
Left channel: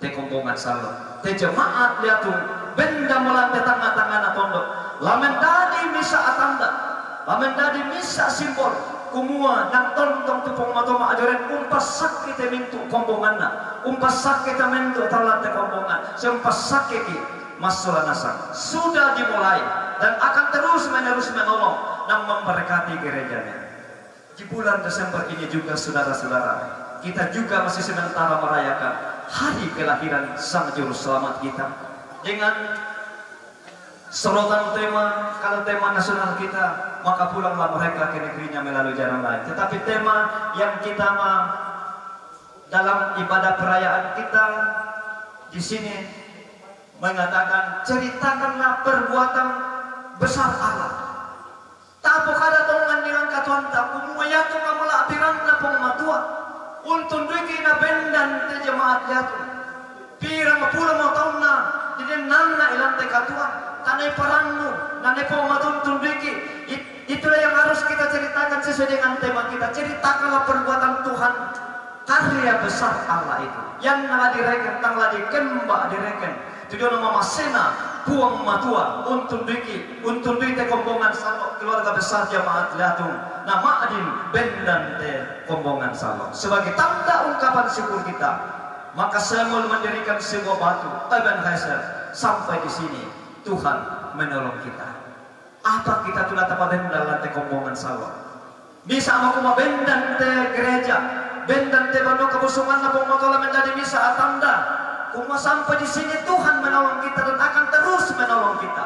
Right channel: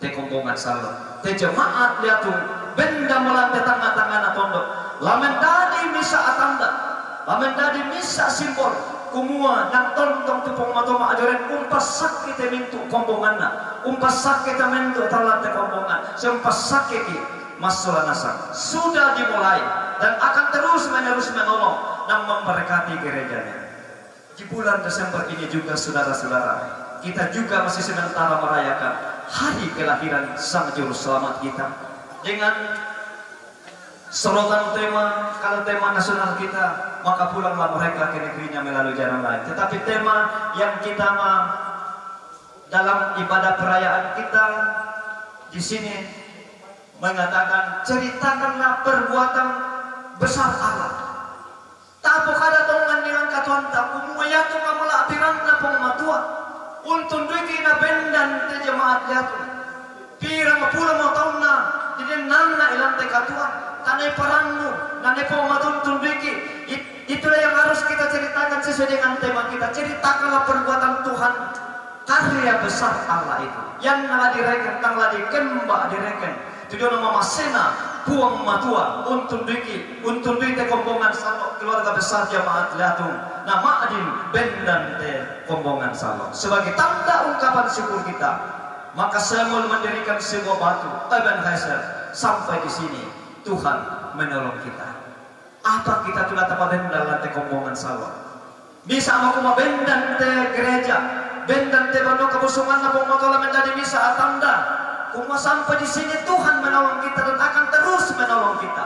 te Kombongan Salon, te jemaat Liatung, benda melantai tengah-tengah pondok. Lamen tadi misa atanda, lamen tadi misa simbol, kumua dan tontong tupong matoma ajoren umpas sakit mintu Kombonganna, umpas sakit mintu talante Kombongan, sempas sakit masalah nasang sudah dimulai dan akan terus menerus menolong dan memberkati gerejanya. Di bulan Desember ini juga saudara-saudara, kita juga masih sementara merayakan hari kelahiran Sang Juru Selamat kita dengan sorotan tema, kalau tema nasional kita, maka pulanglah mereka ke negerinya melalui jalan lain. Tetapi tema yang kita dalam ibadah perayaan kita di sini mengatakan, ceritakanlah perbuatan besar Allah. Tapo kada tongan dengan katuan tapu muayatu kamala apiranna pengmatua untun duiki na bendan te jemaat Jatun pirang pula mau tauna jadi nangna ilante katuan tanai parannu nanai pengmatun tunduiki. Itulah yang harus kita ceritakan sesuai dengan tema kita. Ceritakanlah perbuatan Tuhan, karya besar Allah itu yang nala direken tangla dikembak direken tujuan nama masena buang matua untun duiki te Kombongan Salon keluarga besar jemaat Liatung nama adin bendan te Kombongan Salon sebagai tanda ungkapan syukur kita. Maka semua mendirikan sebuah batu Ebenezer. Sampai di sini Tuhan menolong kita. Apa kita tulah tapa bendan te Kombongan Salon bisa aku mau bendan te gereja bendan te bano kebusungan na pemotol menjadi bisa tanda. Kuma sampai di sini Tuhan menolong kita dan akan terus menolong kita.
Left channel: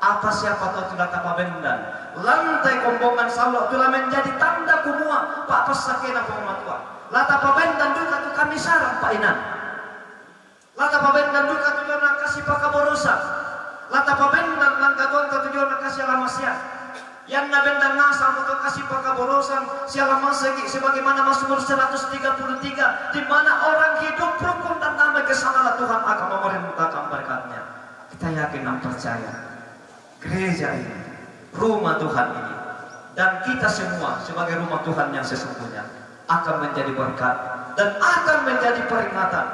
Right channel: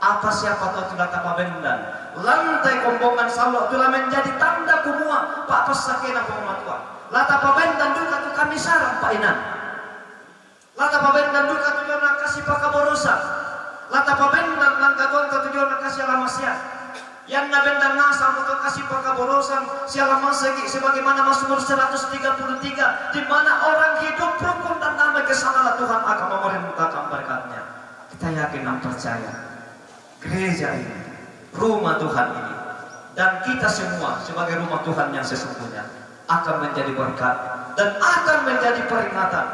Apa siapa tahu tidak tapa bendan lantai Kombongan Salon telah menjadi tanda kumua pak pesakena pematua. Lata pa bendan duka tu kami sarang pak inan. Lata pa bendan duka tujuan nak kasih pakaborosa. Lata pa bendan langka tujuan nak kasih alamasia. Yang na bendan ngasang untuk kasih pakaborosan sialang masegi sebagaimana Mazmur 133 di mana orang hidup rukun dan damai kesanalah Tuhan akan memerintahkan berkatnya. Kita yakin dan percaya gereja ini, rumah Tuhan ini, dan kita semua sebagai rumah Tuhan yang sesungguhnya akan menjadi berkat dan akan menjadi peringatan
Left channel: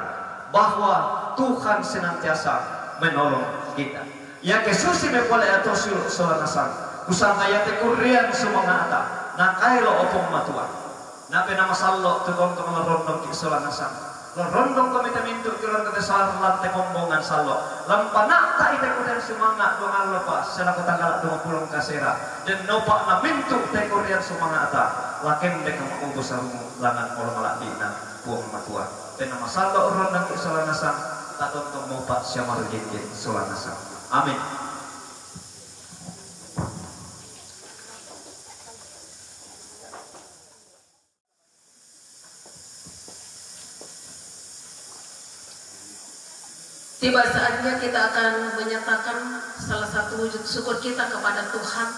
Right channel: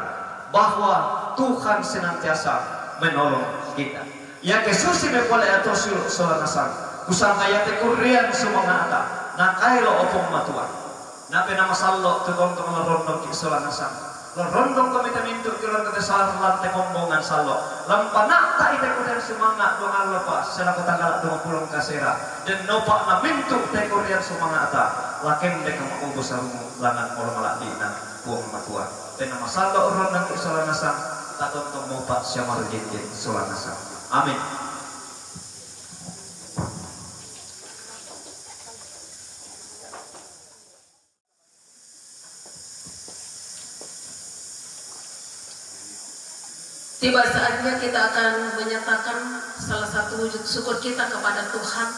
bahwa Tuhan senantiasa menolong kita. Ya kesusi mepole atau solanasang kusang ayat kurian sumangata na kailo opong matuan na pena masallo tutong rondong kisolanasan rondong kami tamintu keluarga besar lantai Kombongan Salon lampana ta ite kurian sumanga dongal lepas selaku tanggal 20 kasera dan nopak na mintu te kurian sumangata laken deka maubos sarungu langan olo maladi na buong matuan pena masallo rondong kisolanasan tatong mopak syamar jinjin solanasan. Amin. Tiba saatnya kita akan menyatakan salah satu wujud syukur kita kepada Tuhan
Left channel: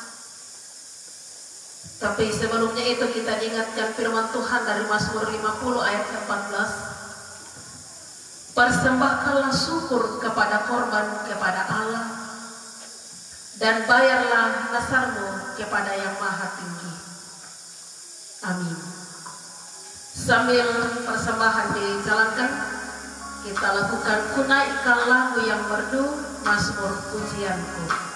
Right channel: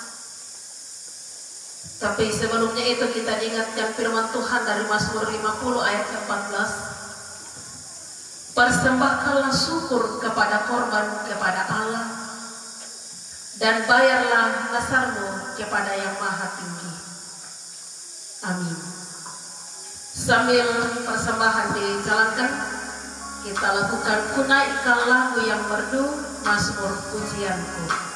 Tapi sebelumnya itu kita diingatkan firman Tuhan dari Mazmur 50 ayat 14. Persembahkanlah syukur kepada korban kepada Allah, dan bayarlah nasarmu kepada yang maha tinggi. Amin. Sambil persembahan dijalankan, kita lakukan kunaikkan lagu yang merdu, Mazmur Pujianku.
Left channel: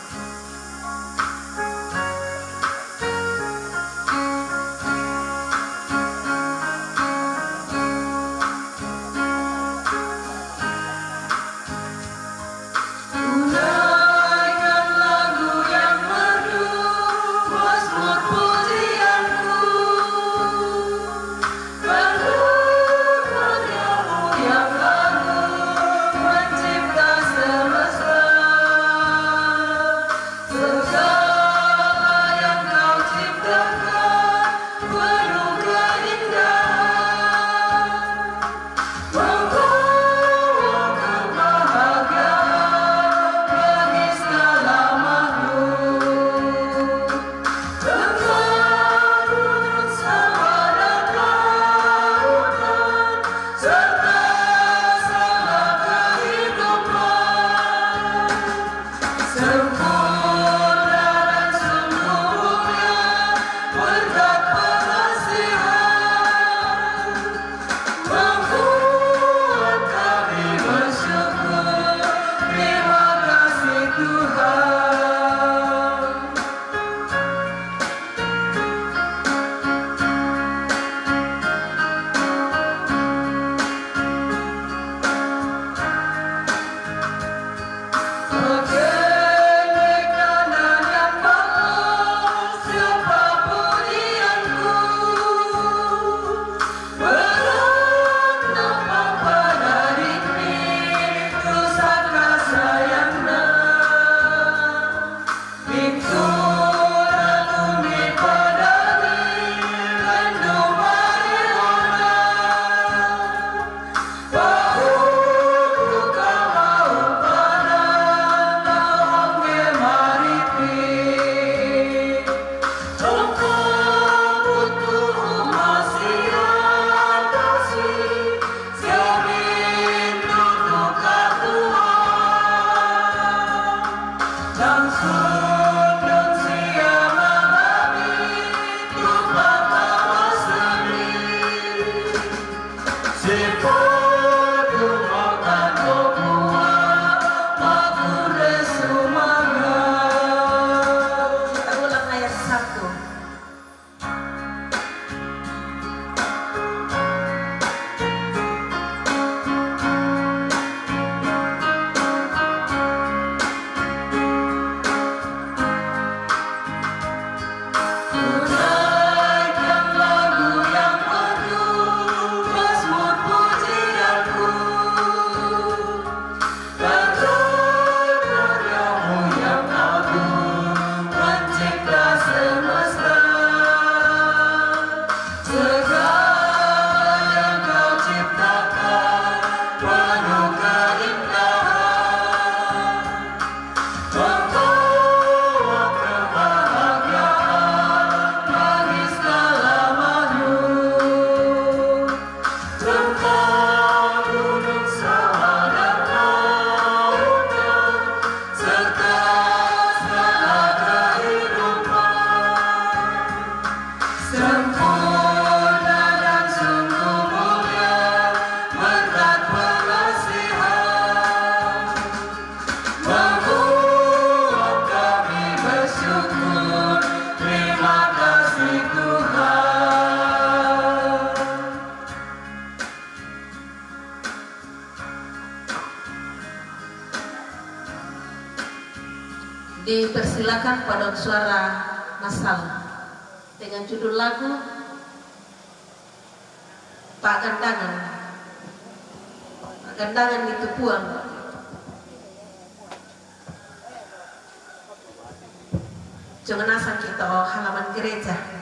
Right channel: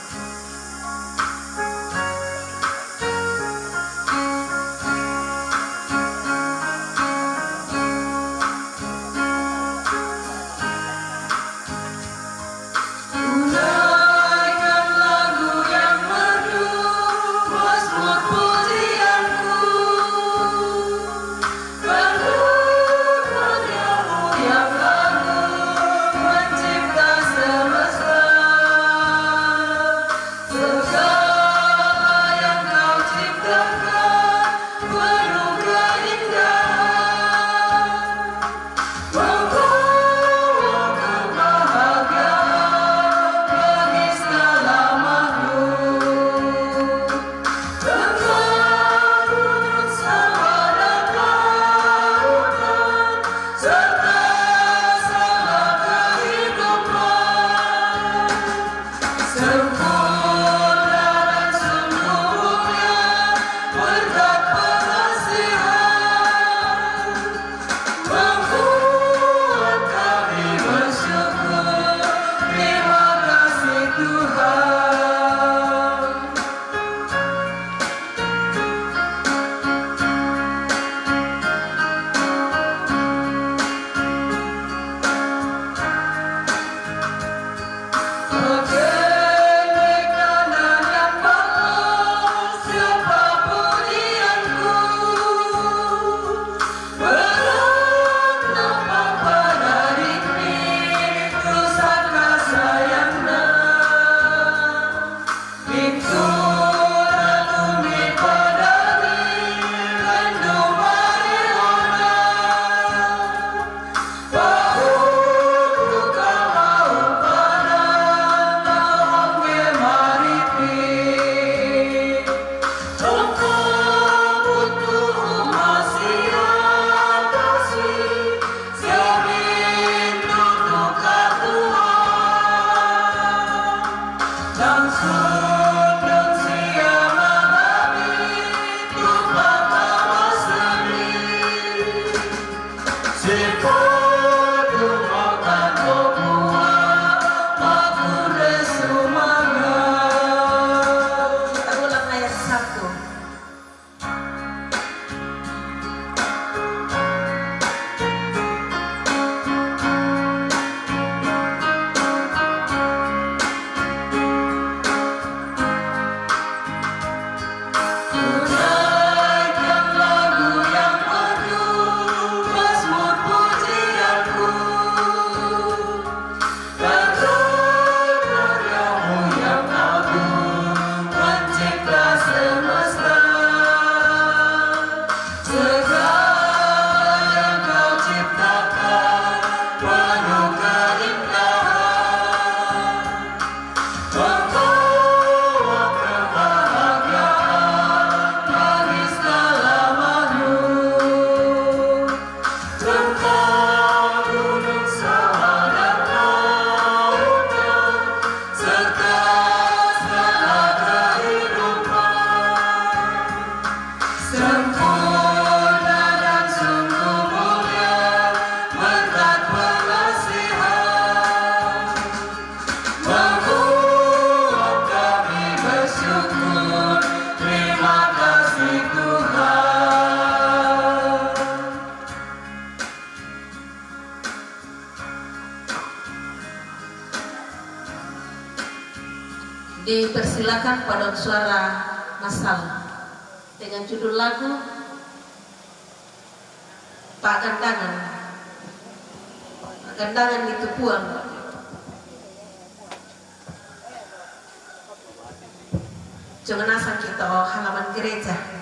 Dipersilakan paduan suara massal dengan judul lagu Pak Gandangan. Pak Gandangan itu puang. Jangan asal kita halaman gereja.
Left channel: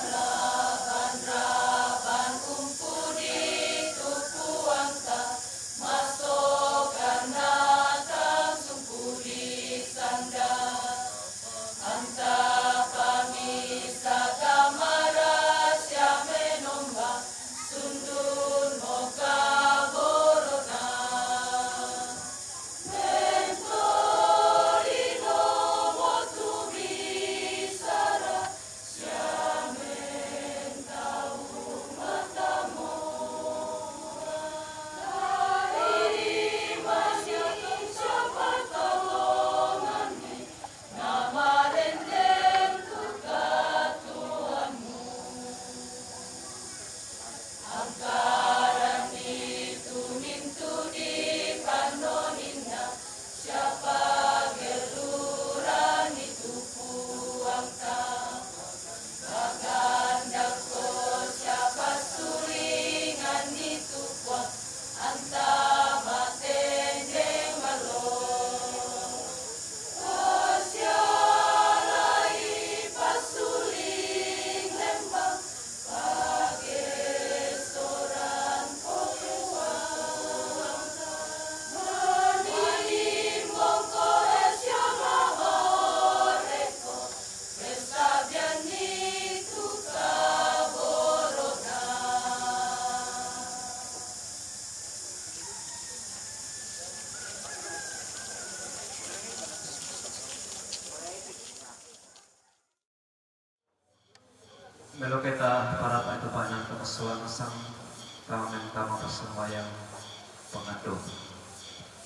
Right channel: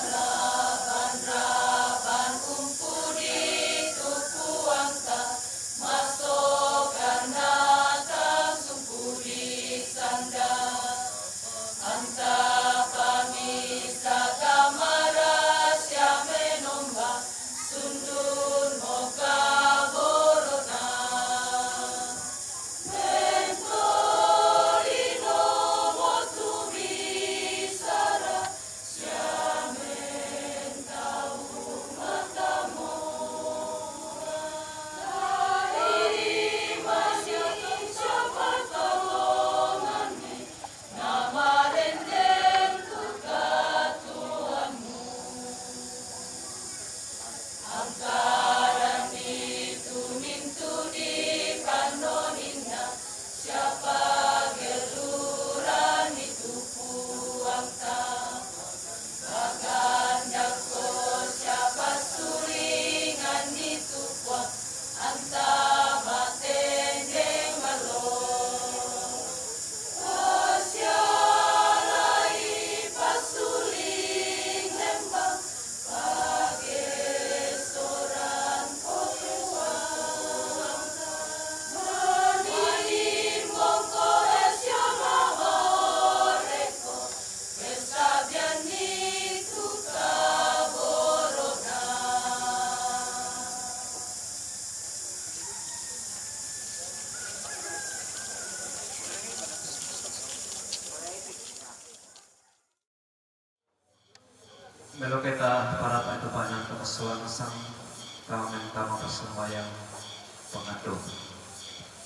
Allah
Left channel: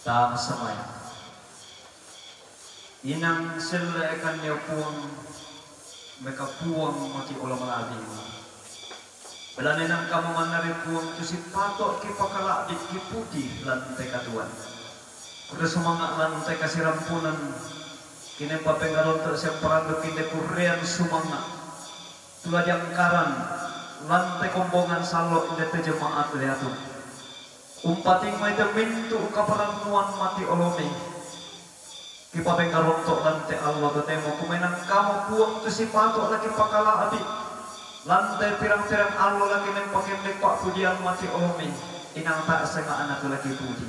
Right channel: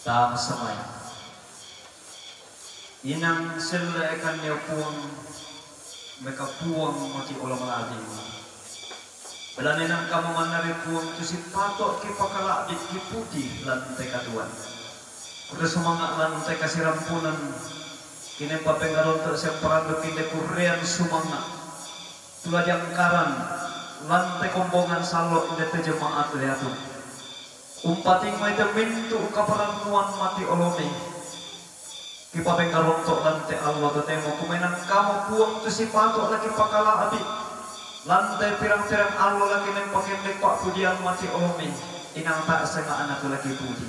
tam samay inang sila ekan niya puang mekapuang mati ulang lagi belanin ang kamu manari puang tu si patok ki pakala di ki putih lantai katuan udah semangat lantai kasih rampunan kini papengaron ter siang perando kini kurian semangat tulah jangkaran lantai kombongan salok inde te jemaat liatu umpating may mintu kaparanguan mati olome ki papengaron to lantai Allah temo kumenang kamu puang tu si patok lagi pakala abi lantai pirang-pirang Allah lagi nempakin lepak pujian mati olome inang tak senga anak lagi puji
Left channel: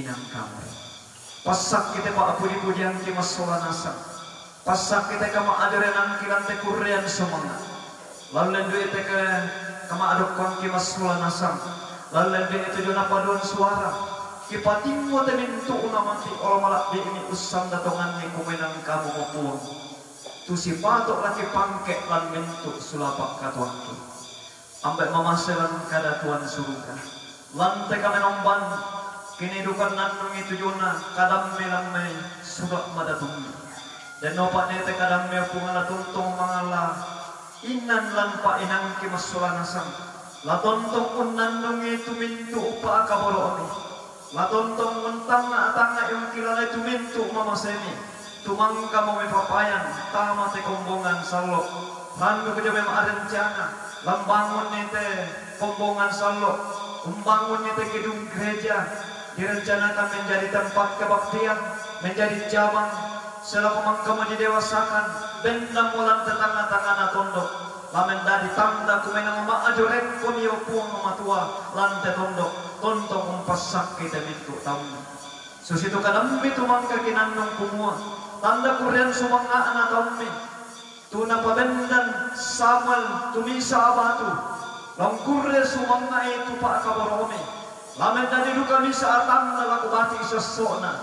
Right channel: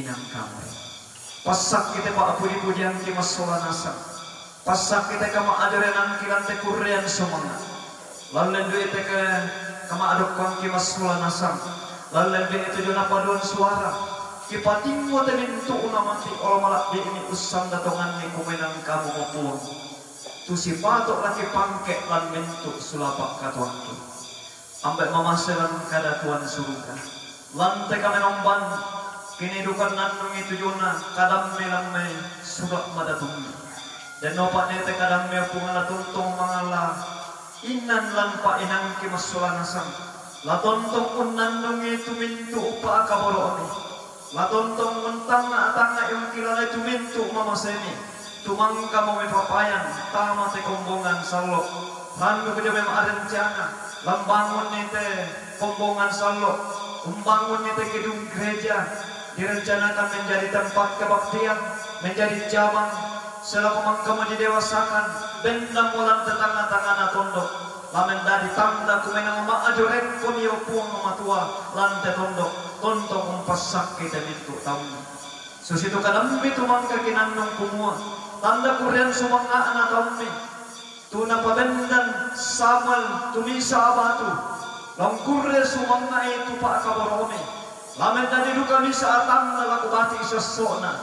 inang kamu pasak kita pak puji-pujian ki masola nasa pasak kita kama ajaran ki lantai kurian semangat lalu duit ke kama adukkan ki masola nasa lalu duit itu jona paduan suara ki pating mo temintu una mati olomala di ini usang datongan ni kumenang kamu mapuang tu si patok laki pangkek lan bentuk sulapak katuanki ambek mamaselan kada tuan surga lantai kami nomban kini dukan nandung itu juna kadam melamai surak madatungi dan nopak nete kadam me pungala tuntung mangala inan lampa inang ki masolanasang la tontong unandung itu mintu upa akaboroni la tontong mentanga yung kilala itu mintu mamasemi tumang kamu mepapayan tama te kombongan salok randu keja mem arencana lambangun nite kombongan salok umbangun nite gedung gereja direncanakan menjadi tempat kebaktian menjadi cabang selaku mangkamu didewasakan benda mulan tetangga-tangga tondok lamen dari tanda kumenang maajurek konio puang matua lante tondok tontong umpasak kita mintu tamu susitu kadang itu mangka kinandung kumua tanda kurian sumanga anak kami tuna pabendan samal tumisa abatu lang kurre sumanga itu pak kabarome lamen dari duka misa atang na laku bati sesona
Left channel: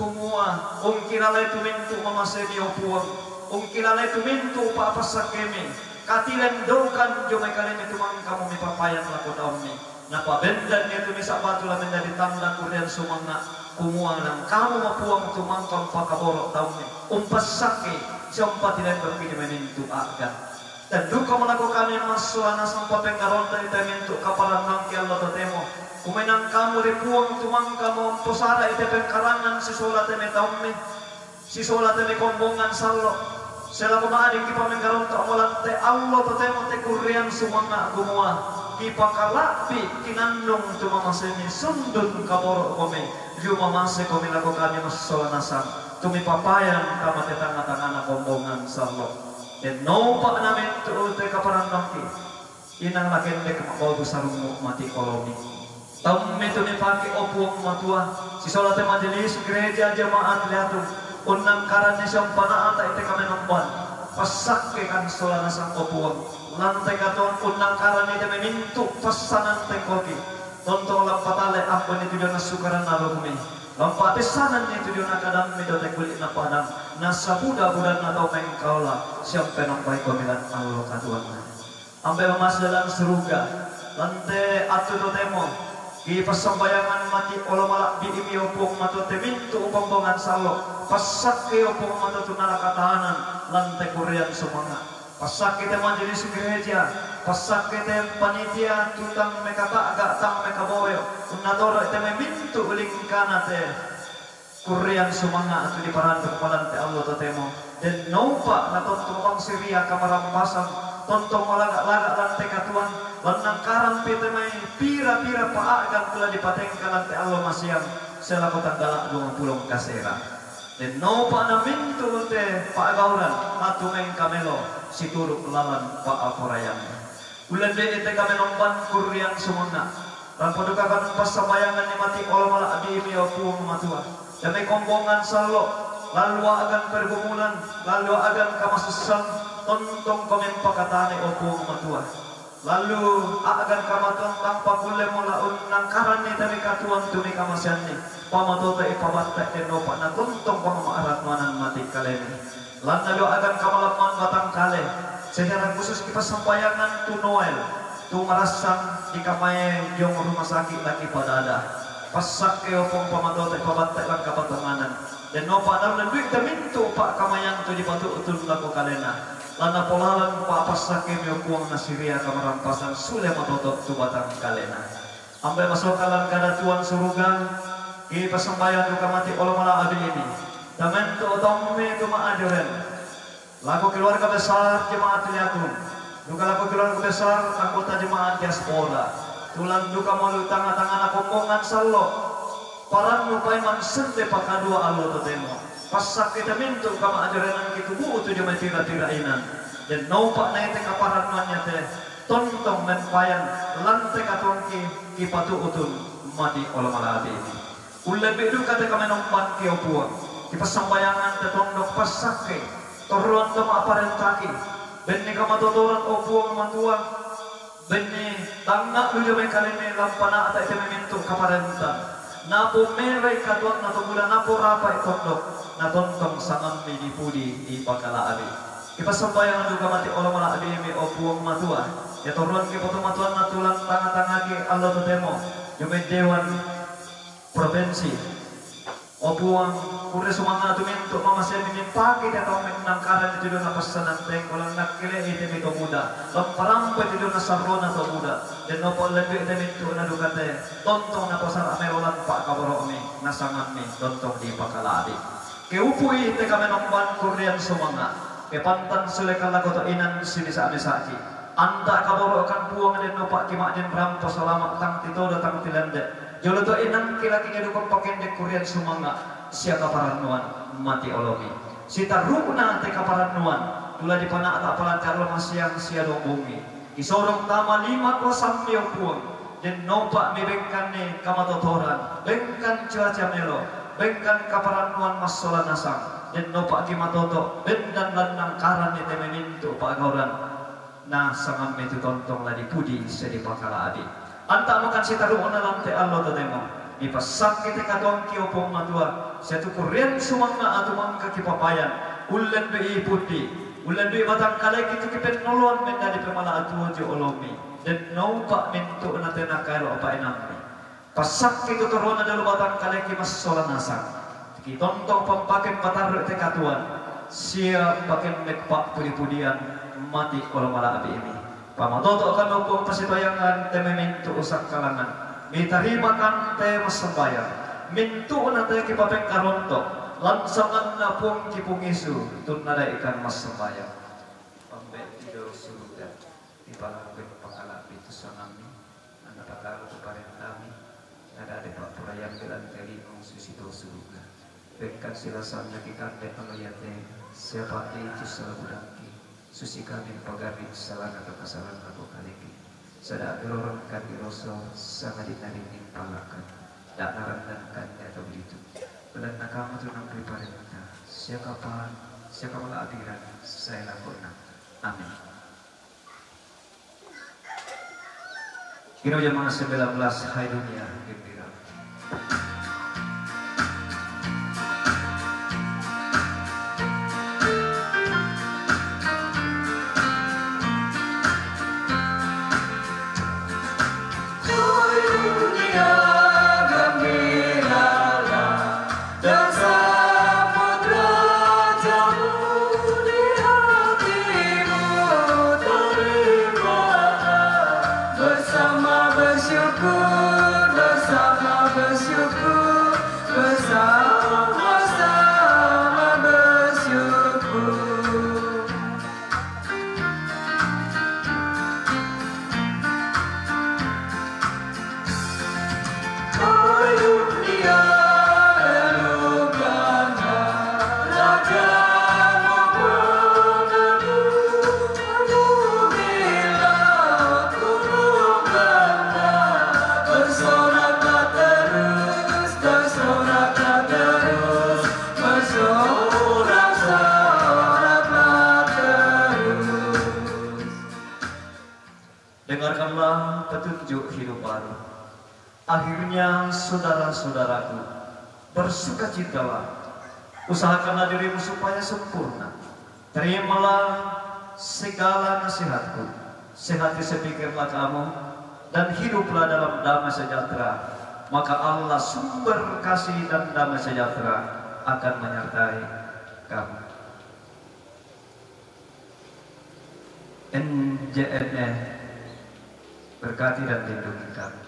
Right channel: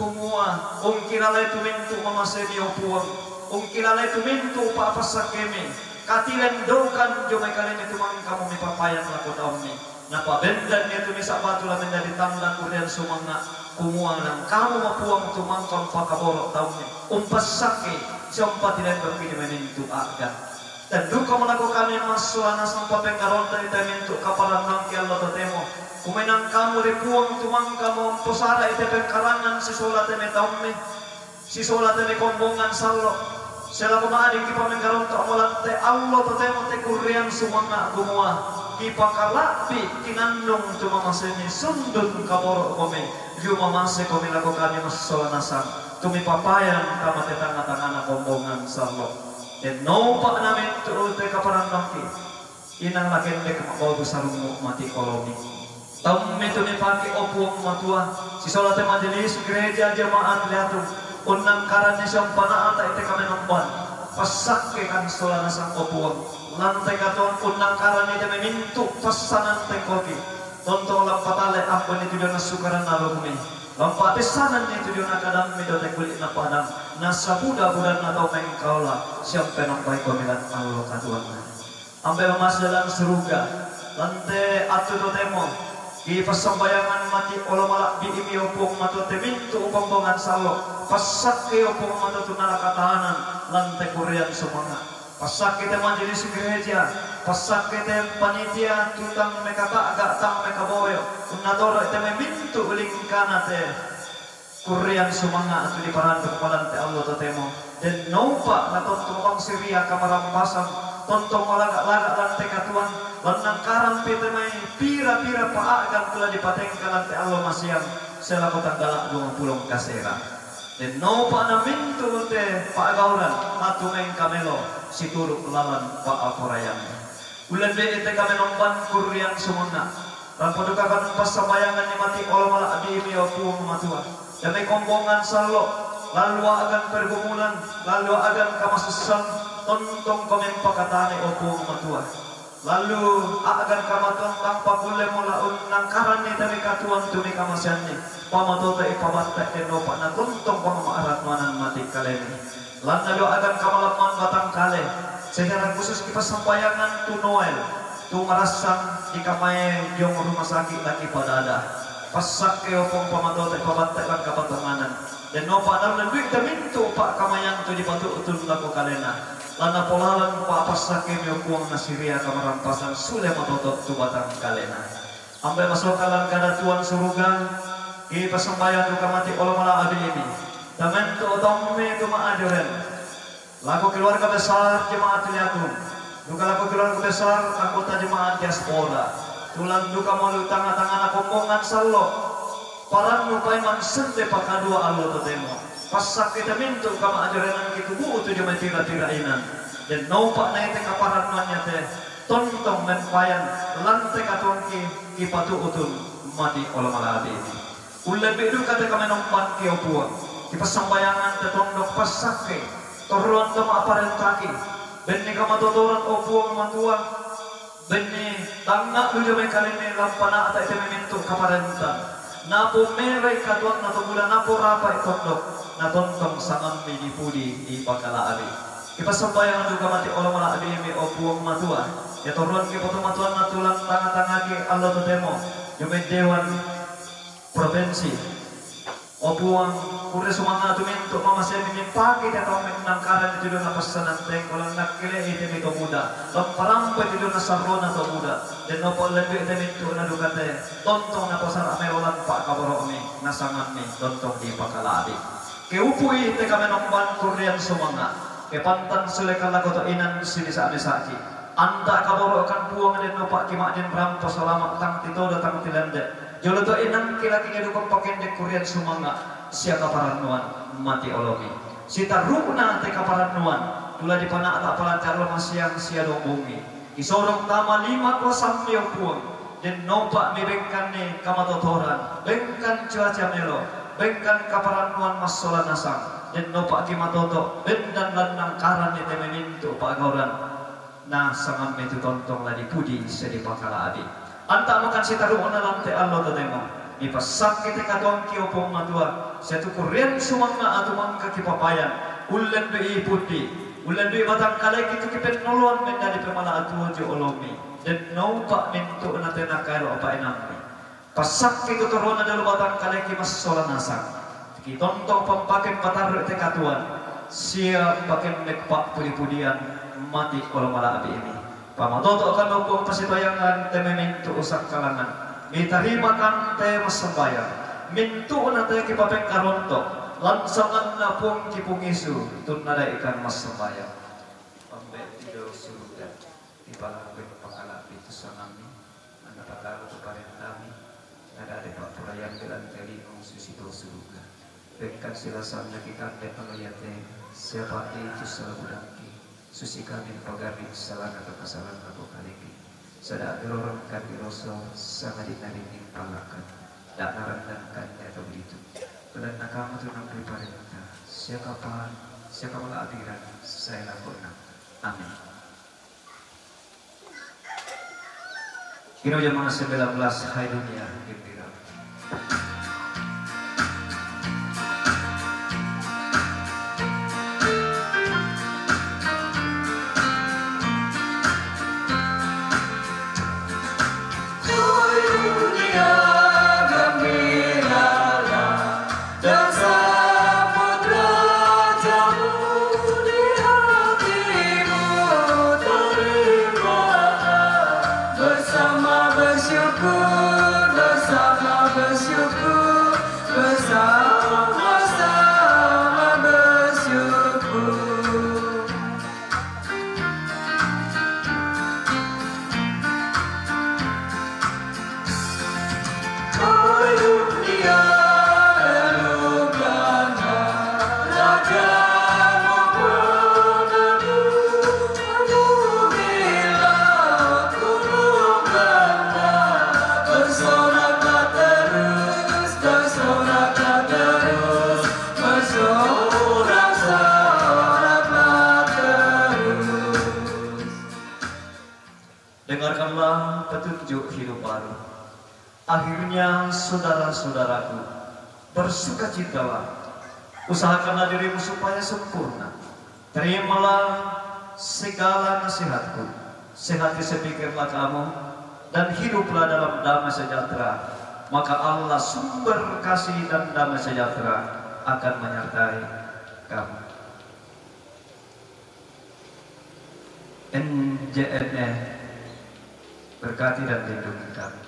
kumua ungkilala itu mintu mamasemi opuang ungkilala itu mintu pak pasakeme katilen dokan jomai kalian itu mang kamu mipapayan laku daunni napa bendan itu misa batu lamen dari tanda kurian sumanga kumua nang kamu mapuang tumangkang pakaborok tahunya umpasake siapa tidak berpilih menentu agan dan duka melakukan yang masulana sampai pengkaron dari tementu kapalan nangki Allah temo kumenang kamu ripuang tumang kamu posara itu pengkarangan si sola teme tahunya si sola teme kombongan salok selaku maadik kipa pengkaron tak molante Allah temo te kurian sumanga kumua ipakalapi kinandung cuma masemi sundun kaborok kome juma masih kami lakukan yang masolanasan tumi papayan kama tetangga-tangga kombongan salok dan nopak namin tu te kaparan nangki inang lagi dek mau besarungu mati koloni tahu itu ni pagi opuang matua si solat majelis gereja jemaat liatu unang karannya sampana ata itu kami nomban pasak ke kan solanasan opuang lantai katuan unang karannya jame mintu pasanan tengkoki tonton lampatale ampun itu jona sukaran alumni lampat pesanan itu jona kadang midote kulit na padang nasa buda-budan atau mengkaula siapa nampai komilan Allah katuan ambil mas dalam seruga lantai atu temo di persembayangan mati olomala di imi opong matu temintu upombongan salok pasak ke opong matu tunala katahanan lantai kurian semangat pasak kita majelis gereja pasak kita panitia tutang meka agak tang meka boyo unadoro ite memintu ulingkana te kurian semangat atu di paran kepalan te Allah temo dan naupa na tontong bang siria kamarampasan tontong malagak-lagak lantai katuan lanang karam pite mai pira-pira paagan telah dipatengkan lantai Allah masyam selaku tanggalak 20 kasera dan naupa na mintu te paagauran atu meng kamelo si turuk lawan paaporayan ulan de ite kami nomban kurian semangat dan padukakan pasabayangan ni mati olomala adi mi opuang matua demi kombongan salok lalu agan pergumulan lalu agan kamasusan tontong komen pakatane opuang matua lalu agan kamatuan tanpa kule mula unang karani dari katuan tumi kamasyanni pamatota ipabatta enopa na tontong pamaarat manan mati kalemi lalu agan kamalaman batang kale secara khusus kita sampayangan tu Noel tu marasang di kamay yung rumah sakit lagi pada ada pasak ke opong pamato te pabatte lang kapatunganan dan no padam dan duit minto pak kamayang tu di batu utun laku kalena lana polalan pak pasak ke miokuang nasiria kamarampasan sule matotot tu batang kalena ambil masuk kalan kada tuan suruga i pasambayan duka mati olomala abi ini tamen tu otomme tu maajoren laku keluarga besar jemaat Liatung duka laku keluarga besar anggota jemaat diaspora tulang duka malu tangan-tangan kombongan sallo parang lupai man sente pakadua allo totemo pasak kita mintu kama ajaran kita bu tu jemaat tira-tirainan dan naupak na ite kaparanannya teh tontong men payan lantai katongki kipatu utun mati olomala abi ini ulah bedu kata kami nompan kio puang di pasambayangan tetondok pasake toruan toma aparentaki benni kama totoran o puang mantuang benni tangga lu jomai kalime lampana ata ite memintu kaparentan napo merai katuak nato bulan napo rapai tondok natontong sangam di pudi di pakala abi di pasambayangan juga mati olomala abi ini o puang matua ya toruan ki poto matuan natulang tanga-tanga ki allo totemo jomai dewan provinsi opuang kure sumanga tuminto mama saya mimimpaki dia tahu menangkaran itu na pasanan teng walang nakile ite mito muda lamparampa itu na sarona to muda dan no lebih ite mito na dukate tontong na pasar ame walang pak kaboro mi nasangan mi tontong di pakalabi ke upui ite kami nomban kurian sumanga ke pantan sulekala koto inan sini sa saki anta kaboro kan puang den no pak kimak den rampo selamat tang tito datang tilande jolo to inang kila-kila dukong pakende kurian sumanga siya kaparanuan mati olomi sita rukna te kaparanuan tula di pana ata palancar lama siang siya dombungi isorong tama 5 kosam miyong puang den nopa mi bengkan ni kamatotoran bengkan cuaca melo bengkan kaparanuan masola nasang den nopa kimatoto bendan lanang karan ni tememintu pagauran na sangam metu tontong ladi pudi sedi pakala adi anta makan si taruh na lantai Allah tademo ipasak kita katong kiopong matua satu kurian sumanga atau mangka kipapayan ulan be putih ulan be batang kalai kita kipen noloan menda di pemala atuan jo olomi dan naupak mintu na tenakairo apa enamni pasak kita turun na dalu batang kalai ki masola nasang kitontong pampaken patar te katuan sia paken mekpak pudi-pudian mati olomala abi ini pamatoto akan hukum pasitayangan te memintu usak kalangan mitarima kan te masambayan mintu na te kipapeng karonto lansangan na pung kipungisu tunada ikan masambayan pambe tido surga di palangin pakala itu sanami anda pakala kepada kami ada pak purayan gelan kali susito surga berikan silasan lagi kande pengoyate siapa itu salabudangki susi kami pagari salah atau kesalahan aku kaliki sada berorang kami rosso sama dinaring palakan tak narangkan atau begitu benar kamu tu nak prepare kita siapa malah adiran saya lakukan amin kira jamaah 19 hai dunia gembira Dengarkanlah petunjuk hidup baru. Akhirnya saudara-saudaraku, bersukacitalah, usahakanlah dirimu supaya sempurna. Terimalah segala nasihatku, sehati sepikirlah kamu, dan hiduplah dalam damai sejahtera maka Allah sumber kasih dan damai sejahtera akan menyertai kamu. NJNE berkati dan lindungi kamu.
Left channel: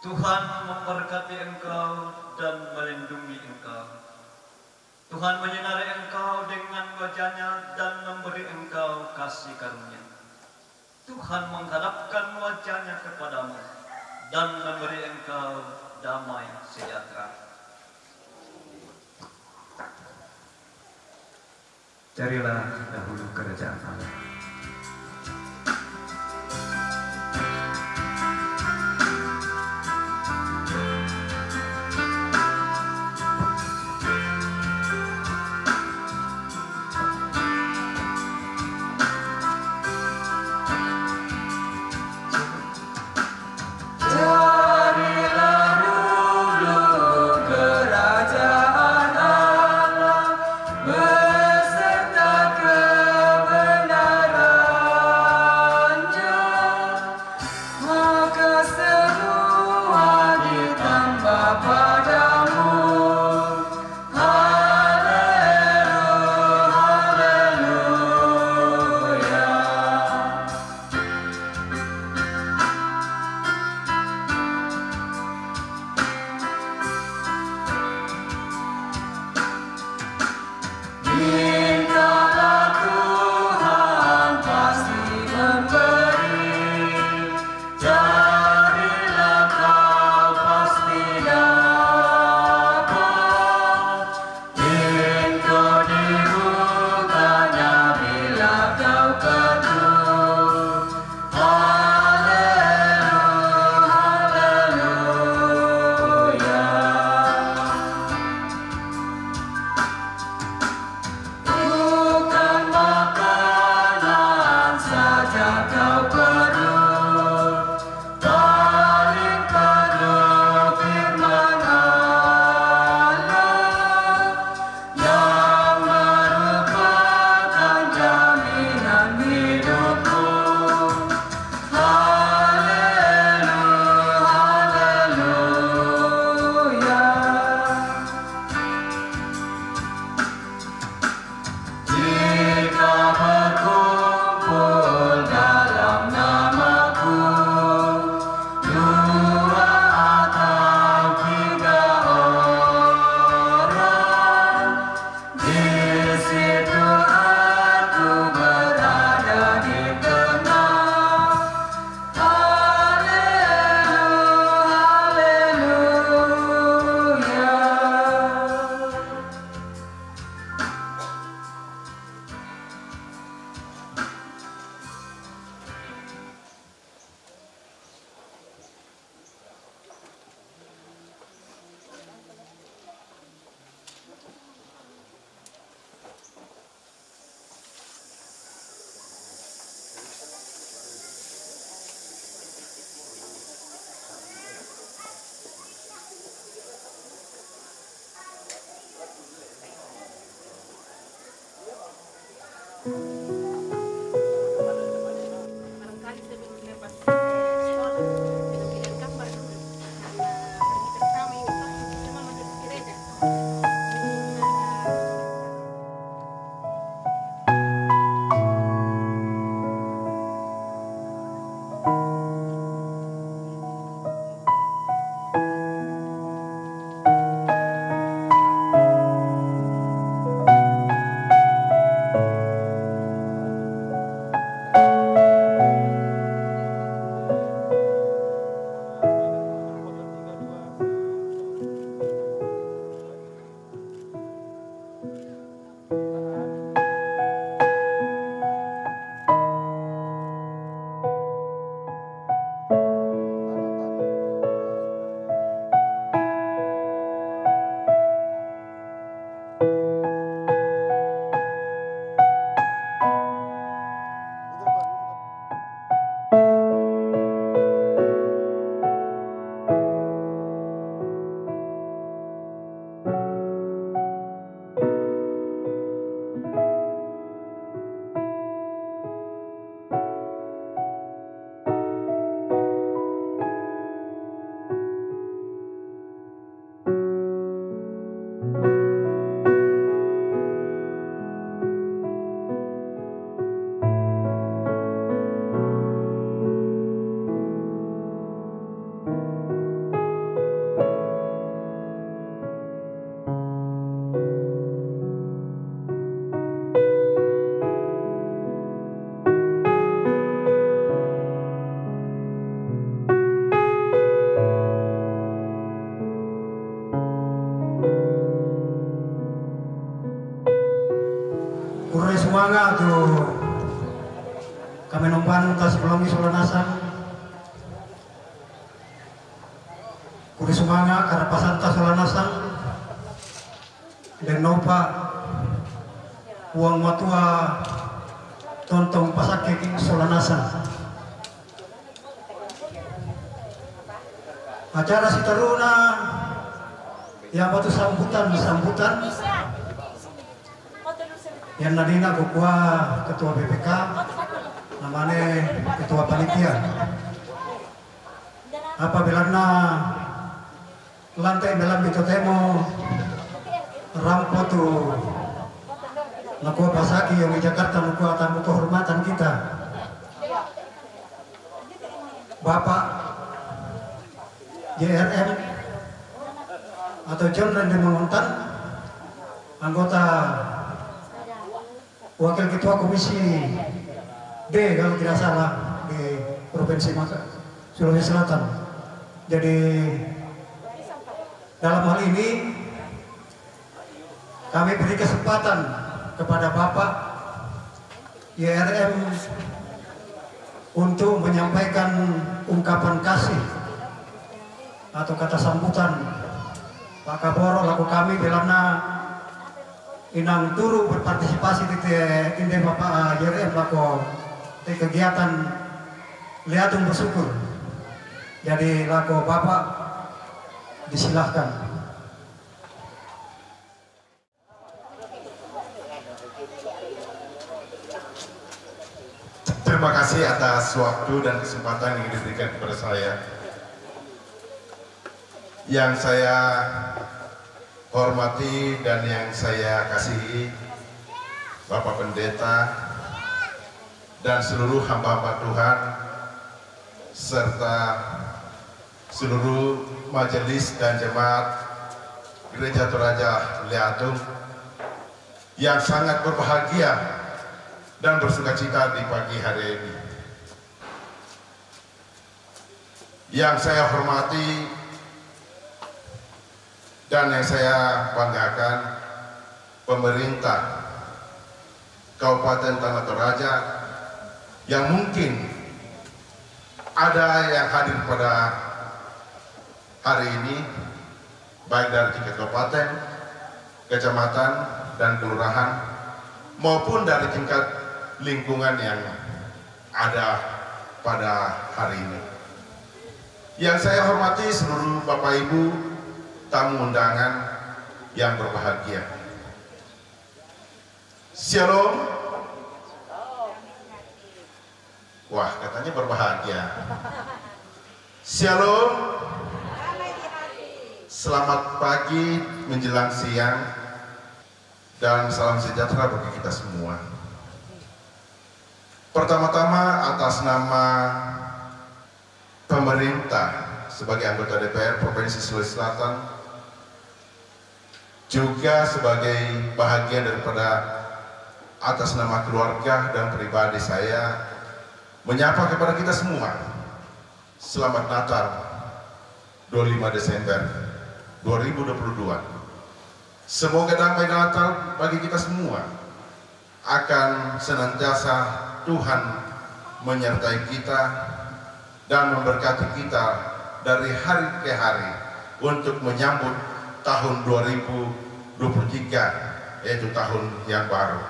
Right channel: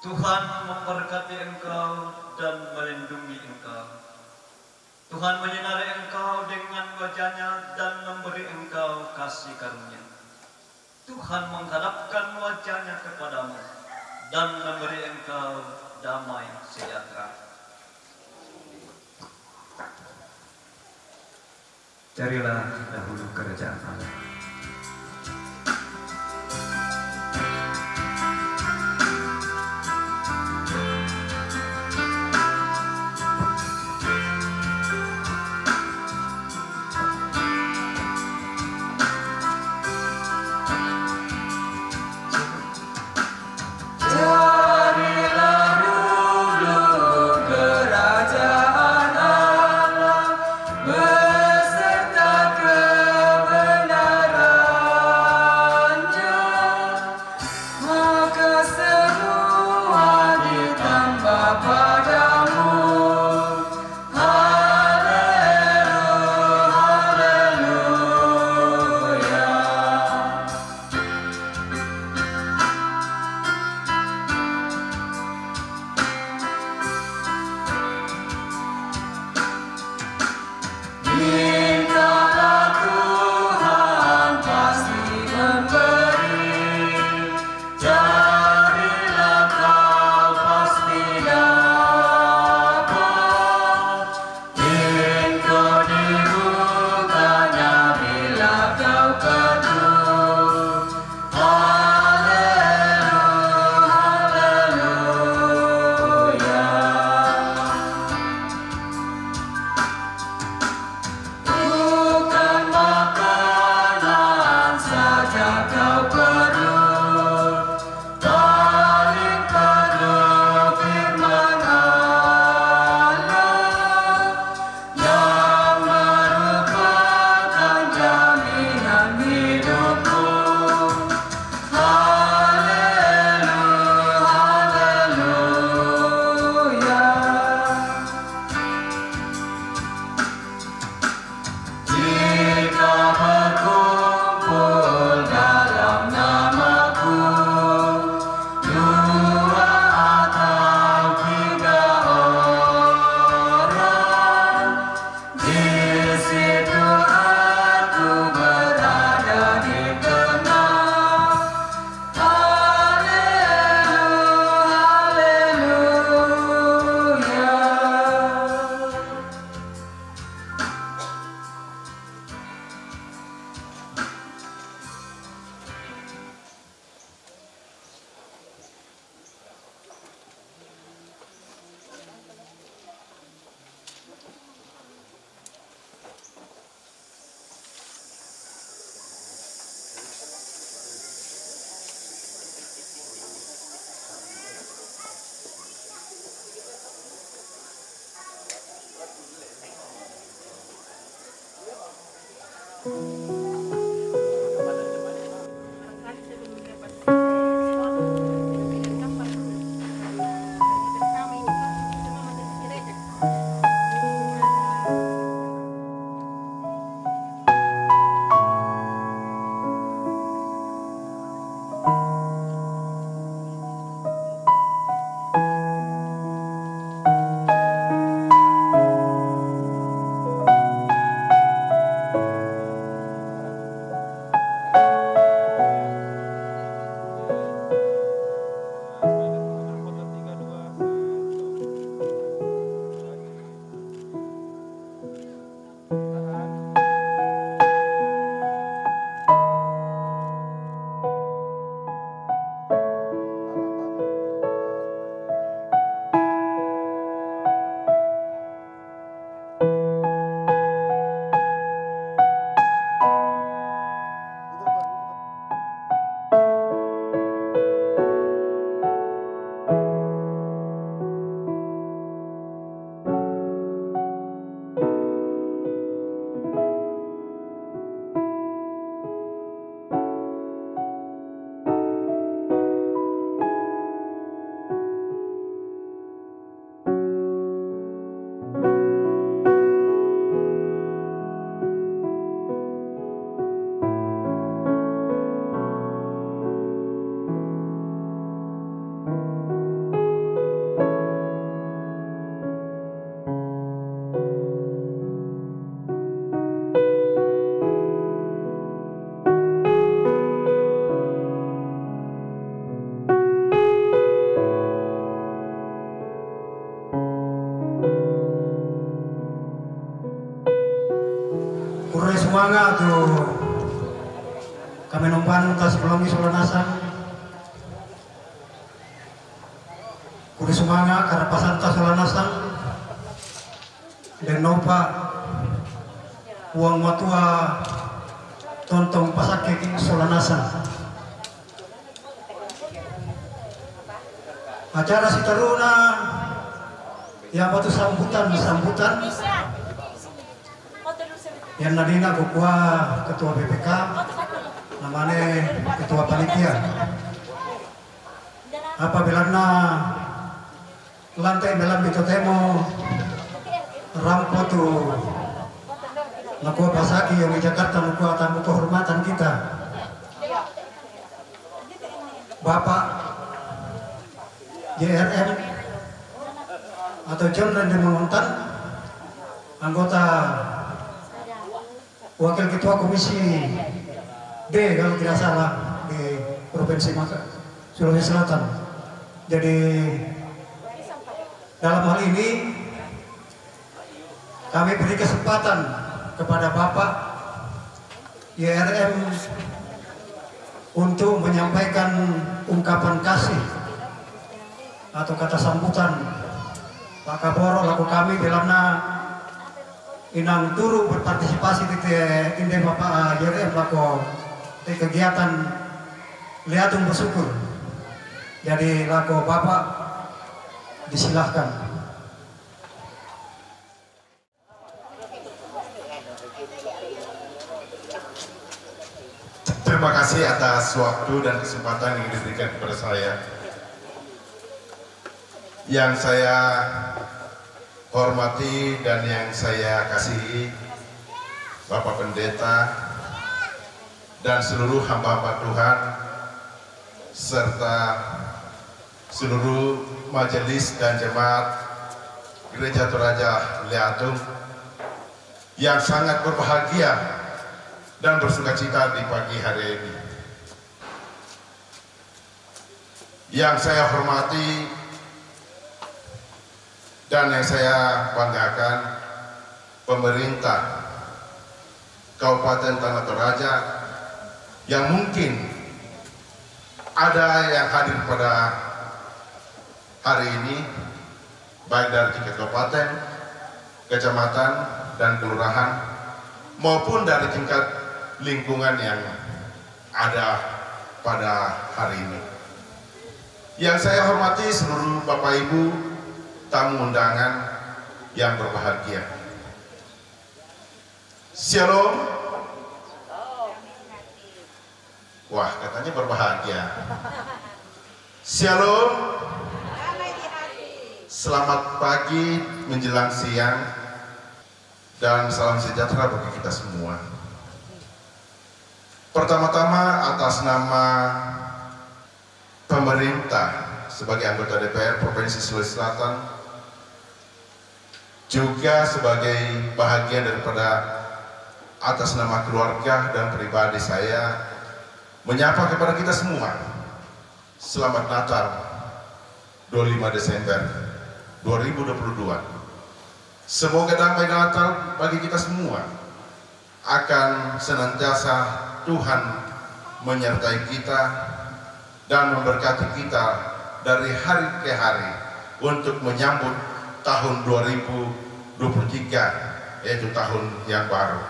Tuhan memberkati engkau dan melindungi engkau. Tuhan menyinari engkau dengan wajah-Nya dan memberi engkau kasih karunia. Tuhan menghadapkan wajah-Nya kepadamu dan memberi engkau damai sejahtera. Carilah dahulu kerajaan Allah. Barangkali sebelum dilepas sekolah, bilang kabar dulu karena hari pertama ini pasti semua masuk ke gereja. Mungkin ada Kure sumanga tu kami numpan tas pelangi Solanasan. Kure sumanga karapasan tas Solanasan dan nopa uang matua tontong pasake king Solanasan. Acara si taruna yang batu sambutan yang nadina kukua ketua BPK namanya ketua panitia apabila na lantai dalam itu temo rampo tu nakua pasaki yang di Jakarta nakua tamu kehormatan kita Bapak JRM atau John Randy Manguntan, anggota wakil ketua komisi D kalau tidak salah di Provinsi Sulawesi Selatan. Jadi dalam hal ini kami beri kesempatan kepada Bapak JRM untuk menyampaikan ungkapan kasih atau kata sambutan. Pak Kaporo laku kami bilangna inang turu berpartisipasi di inde Bapak JRM laku di kegiatan liatung bersyukur. Jadi laku Bapak disilahkan. Terima kasih atas waktu dan kesempatan yang diberikan kepada saya. Yang saya hormati dan yang saya kasihi Bapak Pendeta dan seluruh hamba-hamba Tuhan serta seluruh majelis dan jemaat Gereja Toraja Liatung yang sangat berbahagia dan bersukacita di pagi hari ini. Yang saya hormati dan yang saya banggakan, pemerintah Kabupaten Tanah Toraja yang mungkin ada yang hadir pada hari ini, baik dari tingkat kabupaten, kecamatan, dan kelurahan, maupun dari tingkat lingkungan yang ada pada hari ini. Yang saya hormati seluruh Bapak Ibu tamu undangan yang berbahagia. Shalom. Wah, katanya berbahagia. Shalom. Selamat pagi menjelang siang dan salam sejahtera bagi kita semua. Pertama-tama atas nama pemerintah sebagai anggota DPR Provinsi Sulawesi Selatan, juga sebagai bahagian daripada atas nama keluarga dan pribadi saya menyapa kepada kita semua selamat Natal 25 Desember 2022. Semoga damai Natal bagi kita semua akan senantiasa Tuhan menyertai kita dan memberkati kita dari hari ke hari untuk menyambut tahun 2023, yaitu tahun yang baru.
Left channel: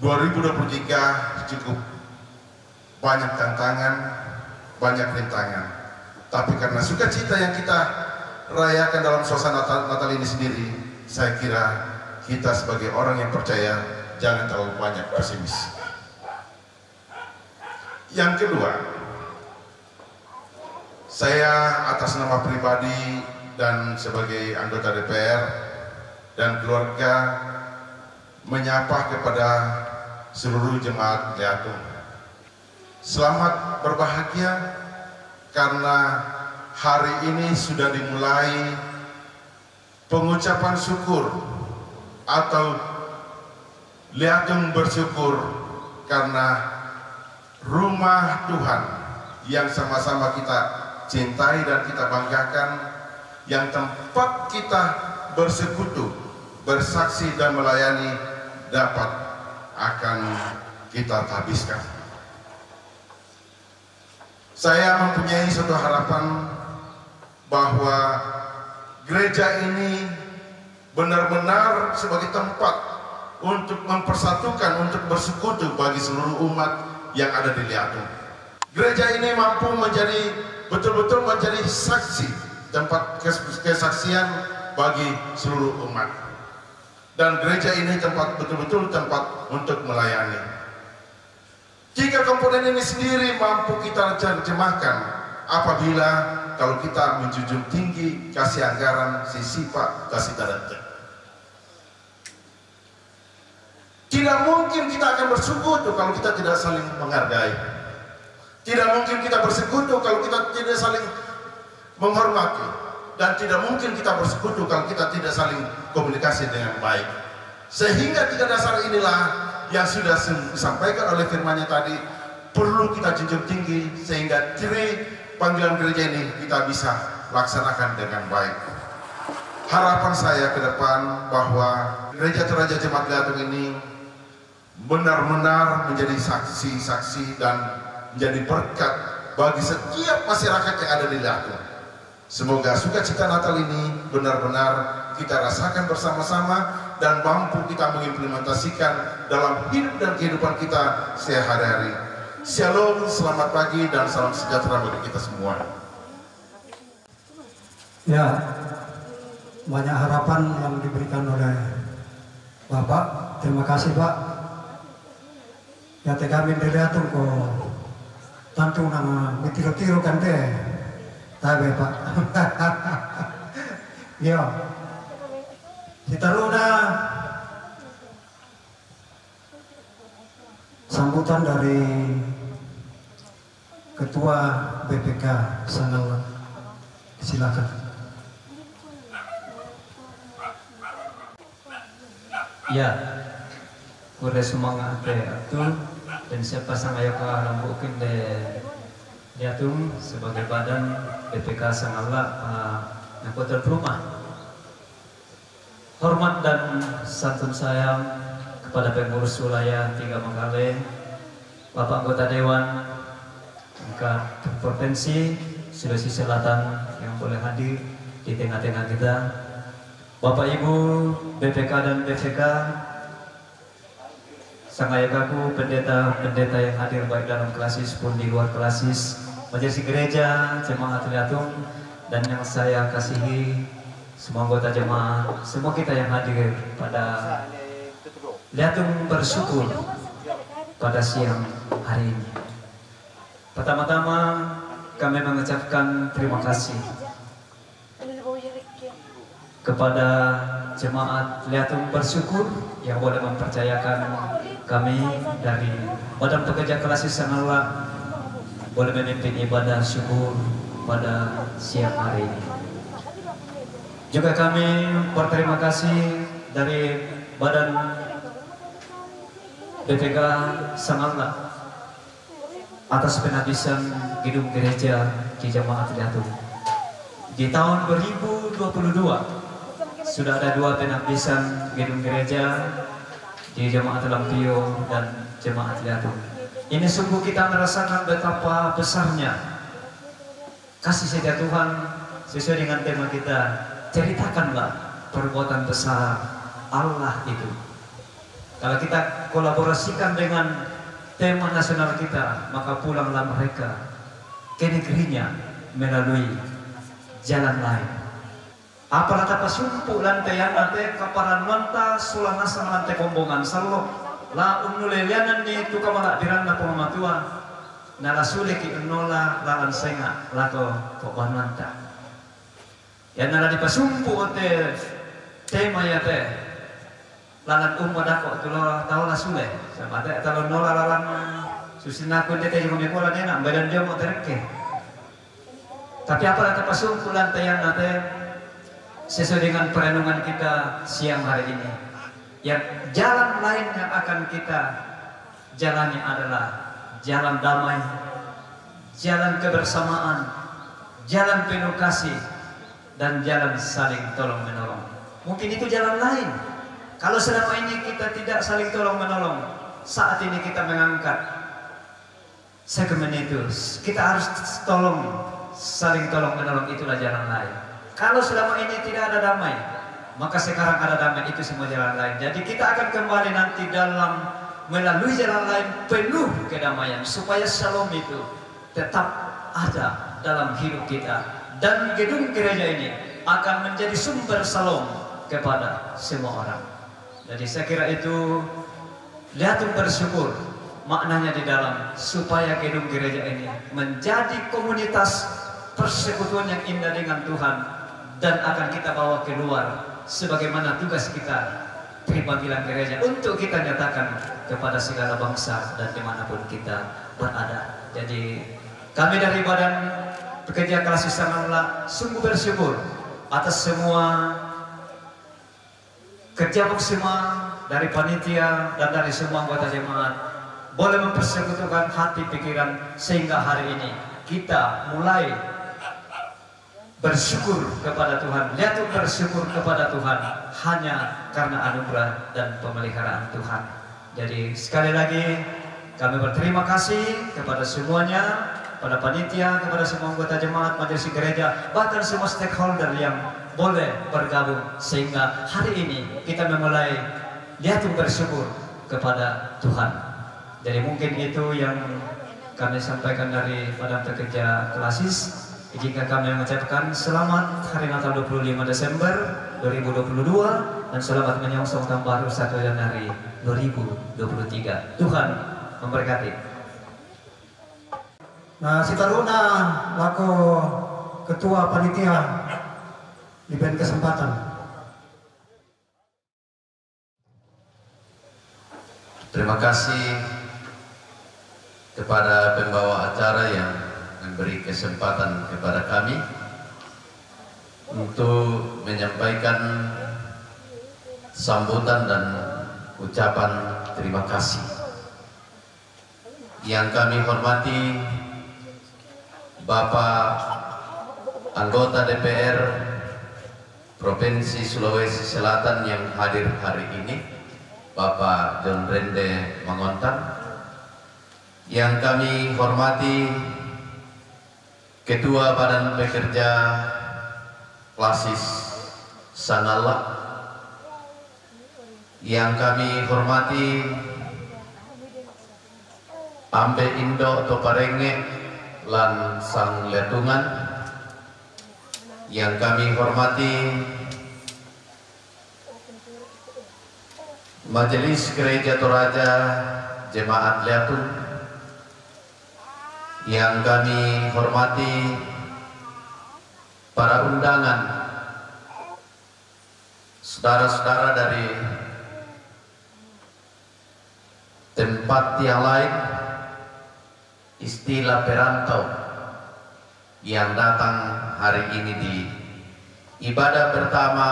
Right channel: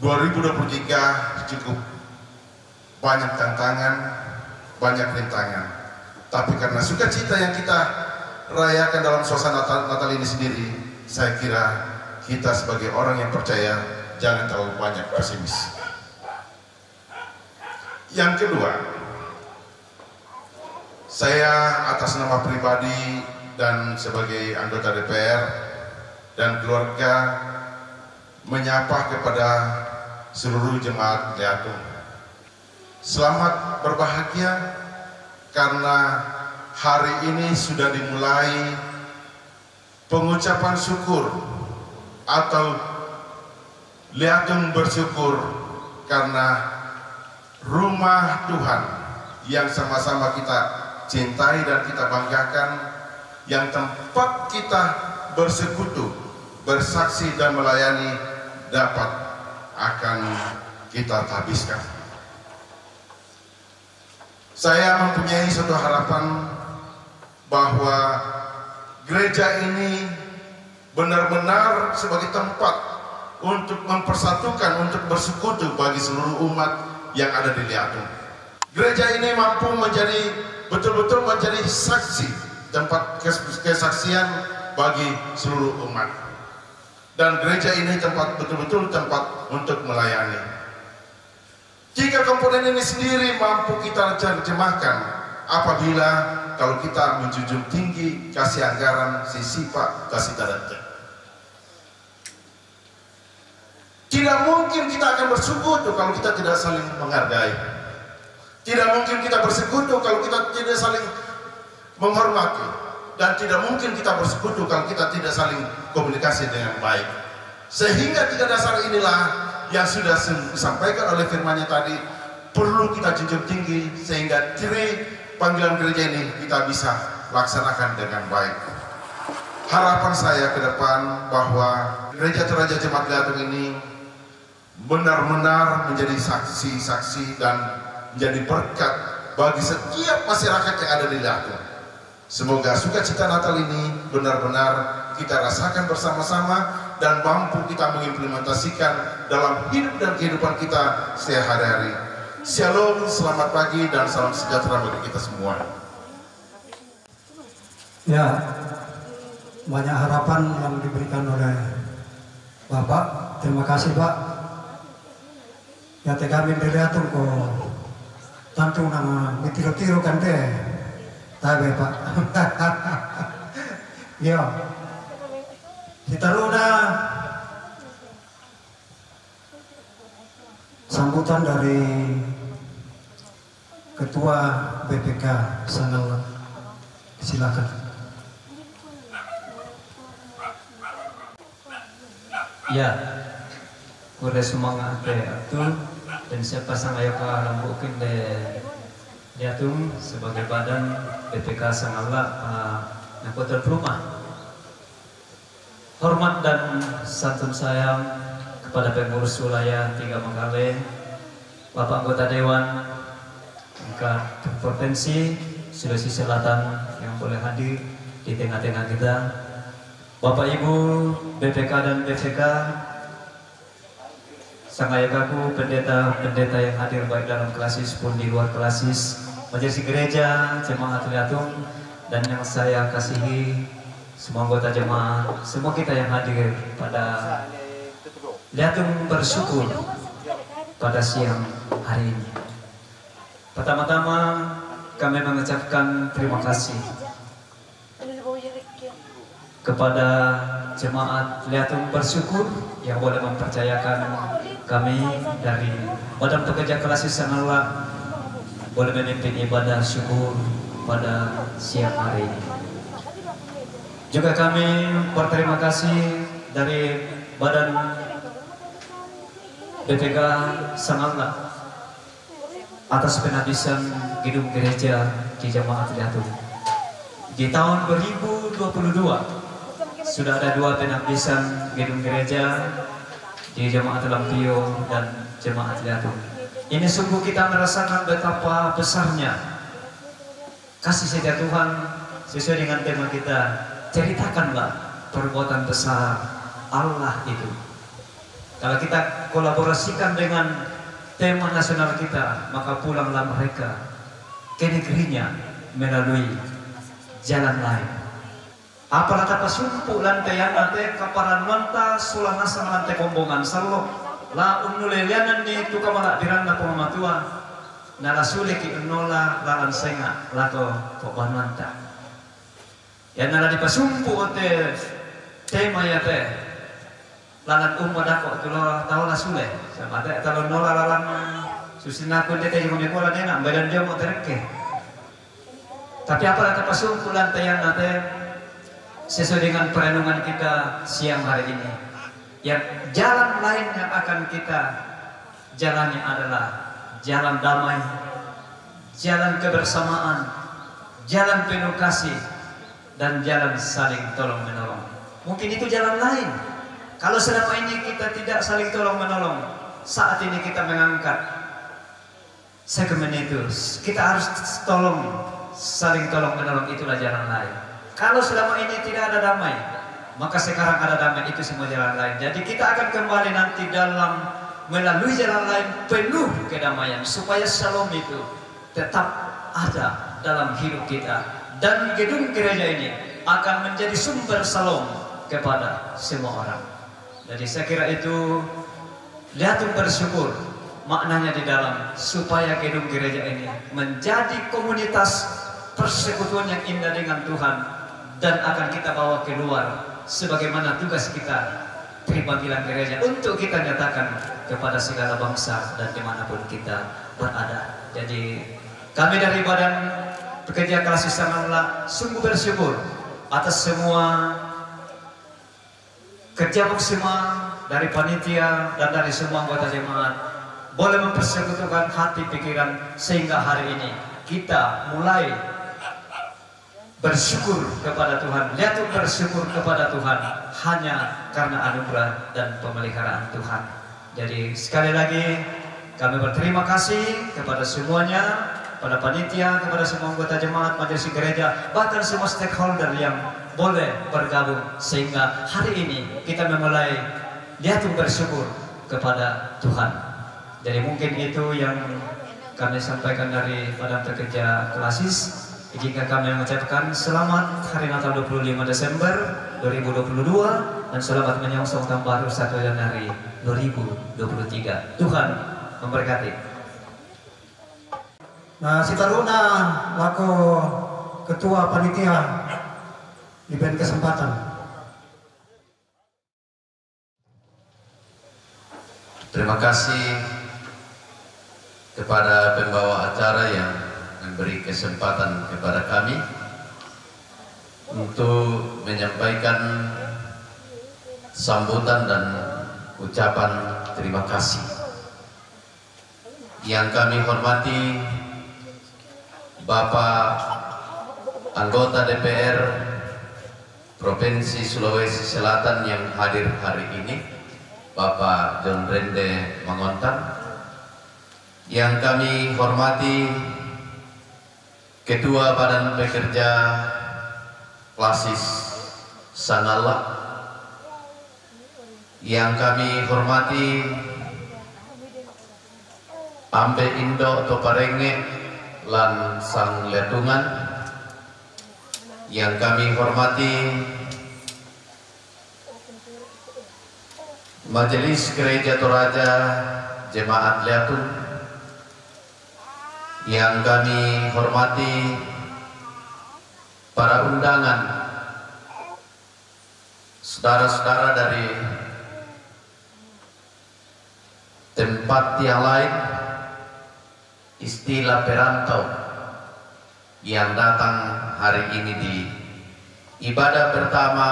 2023 cukup banyak tantangan, banyak rintangan. Tapi karena sukacita yang kita rayakan dalam suasana Natal ini sendiri, saya kira kita sebagai orang yang percaya jangan terlalu banyak pesimis. Yang kedua, saya atas nama pribadi dan sebagai anggota DPR dan keluarga menyapa kepada seluruh jemaat Liatung. Selamat berbahagia karena hari ini sudah dimulai pengucapan syukur atau Liatung bersyukur karena rumah Tuhan yang sama-sama kita cintai dan kita banggakan, yang tempat kita bersekutu, bersaksi dan melayani dapat akan kita habiskan. Saya mempunyai suatu harapan bahwa gereja ini benar-benar sebagai tempat untuk mempersatukan, untuk bersekutu bagi seluruh umat yang ada di Liatung. Gereja ini mampu menjadi betul-betul menjadi saksi, tempat kesaksian bagi seluruh umat. Dan gereja ini betul-betul tempat untuk melayani. Tiga komponen ini sendiri mampu kita terjemahkan apabila kalau kita menjunjung tinggi kasih anggaran, sifat, kasih talenta. Tidak mungkin kita akan bersekutu kalau kita tidak saling menghargai. Tidak mungkin kita bersekutu kalau kita tidak saling menghormati. Dan tidak mungkin kita bersekutu kalau kita tidak saling komunikasi dengan baik. Sehingga tiga dasar inilah yang sudah disampaikan oleh firman-Nya tadi perlu kita junjung tinggi sehingga ciri panggilan gereja ini kita bisa laksanakan dengan baik. Harapan saya ke depan bahwa Gereja Toraja Jemaat Liatung ini benar-benar menjadi saksi-saksi dan menjadi berkat bagi setiap masyarakat yang ada di Liatung. Semoga sukacita Natal ini benar-benar kita rasakan bersama-sama dan mampu kita mengimplementasikan dalam hidup dan kehidupan kita sehari-hari. Shalom, selamat pagi dan salam sejahtera bagi kita semua. Ya, banyak harapan yang diberikan oleh Bapak. Terima kasih Pak. Ya kami di Liatung kok tentu nama ditiru-tiru kan teh. Tapi Pak. Ya. Kita runa sambutan dari Ketua BPK Sangaula. Silakan. Ya, udah semangat atul dan siapa sangaya ka lambukin de Liatung sebagai badan BPK Sangaula Nakotel Rumah. Hormat dan santun sayang kepada pengurus wilayah 3 Mangale, Bapak anggota Dewan tingkat Provinsi Sulawesi Selatan yang boleh hadir di tengah-tengah kita, Bapak Ibu BPK dan BPK, sangayakaku pendeta-pendeta yang hadir baik dalam klasis pun di luar klasis, majelis gereja, jemaat Liatung, dan yang saya kasihi semua anggota jemaat, semua kita yang hadir pada Liatung bersyukur pada siang hari ini. Pertama-tama kami mengucapkan terima kasih kepada jemaat Liatung bersyukur yang boleh mempercayakan kami dari Badan Pekerja Klasis Sangaula boleh memimpin ibadah syukur pada siang hari ini. Juga kami berterima kasih dari Badan BPK Sangaula atas penabisan gedung gereja di Jemaat Liatung. Di tahun 2022 sudah ada 2 penabisan gedung gereja di Jemaat Lampio dan Jemaat Liatung. Ini sungguh kita merasakan betapa besarnya kasih setia Tuhan sesuai dengan tema kita. Ceritakanlah perbuatan besar Allah itu. Kalau kita kolaborasikan dengan tema nasional kita, maka pulanglah mereka ke negerinya melalui jalan lain. Apalah tapa sumpu lantai anate kaparan manta sulana sang lantai kombongan sallo la unulelianan ni tukamala diranda pemamatua nala suliki enola lalan senga lako kopan manta. Ya nala dipasumpu ote tema ya teh lalan umadako tulo tahu sule sama teh talon nola lalan susina kun teh yang mekola nena badan dia mau terke. Tapi apa kata pasumpu lantayan nate sesuai dengan perenungan kita siang hari ini. Yang jalan lain yang akan kita jalani adalah jalan damai, jalan kebersamaan, jalan penuh kasih, dan jalan saling tolong menolong. Mungkin itu jalan lain Kalau selama ini kita tidak saling tolong menolong, saat ini kita mengangkat segmen itu. Kita harus saling tolong menolong, itulah jalan lain. Kalau selama ini tidak ada damai, maka sekarang ada damai, itu semua jalan lain. Jadi kita akan kembali nanti melalui jalan lain penuh kedamaian, supaya shalom itu tetap ada dalam hidup kita. Dan gedung gereja ini akan menjadi sumber shalom kepada semua orang. Jadi saya kira itu lihatung bersyukur maknanya di dalam, supaya gedung gereja ini menjadi komunitas persekutuan yang indah dengan Tuhan, dan akan kita bawa keluar sebagaimana tugas kita di panggilan gereja untuk kita nyatakan kepada segala bangsa dan dimanapun kita berada. Jadi kami dari Badan Pekerja Klasik Sanganla sungguh bersyukur atas semua kerja maksimal dari panitia dan dari semua anggota jemaat, boleh mempersekutukan hati pikiran sehingga hari ini kita mulai bersyukur kepada Tuhan. Lihat, bersyukur kepada Tuhan hanya karena anugerah dan pemeliharaan Tuhan. Jadi sekali lagi kami berterima kasih kepada semuanya, pada panitia, kepada semua anggota jemaat, majelis gereja, bahkan semua stakeholder yang boleh bergabung, sehingga hari ini kita memulai lihat bersyukur kepada Tuhan. Jadi mungkin itu yang kami sampaikan dari Badan Pekerja Klasis. Jika kami mengucapkan selamat Hari Natal 25 Desember 2022 dan selamat menyongsong tahun baru 1 Januari 2023. Tuhan memberkati. Nah, si Taruna laku ketua panitia diberi kesempatan. Terima kasih kepada pembawa acara yang memberi kesempatan kepada kami untuk menyampaikan sambutan dan ucapan terima kasih. Yang kami hormati Bapak anggota DPR Provinsi Sulawesi Selatan yang hadir hari ini, Bapak John Rende Mangontang. Yang kami hormati Ketua Badan Pekerja Klasis Sanganla. Yang kami hormati Ambe Indo Toparenge lan Sang Letungan. Yang kami hormati Majelis Gereja Toraja Jemaat Letung. Yang kami hormati para undangan, saudara-saudara dari tempat yang lain, istilah perantau yang datang hari ini di ibadah pertama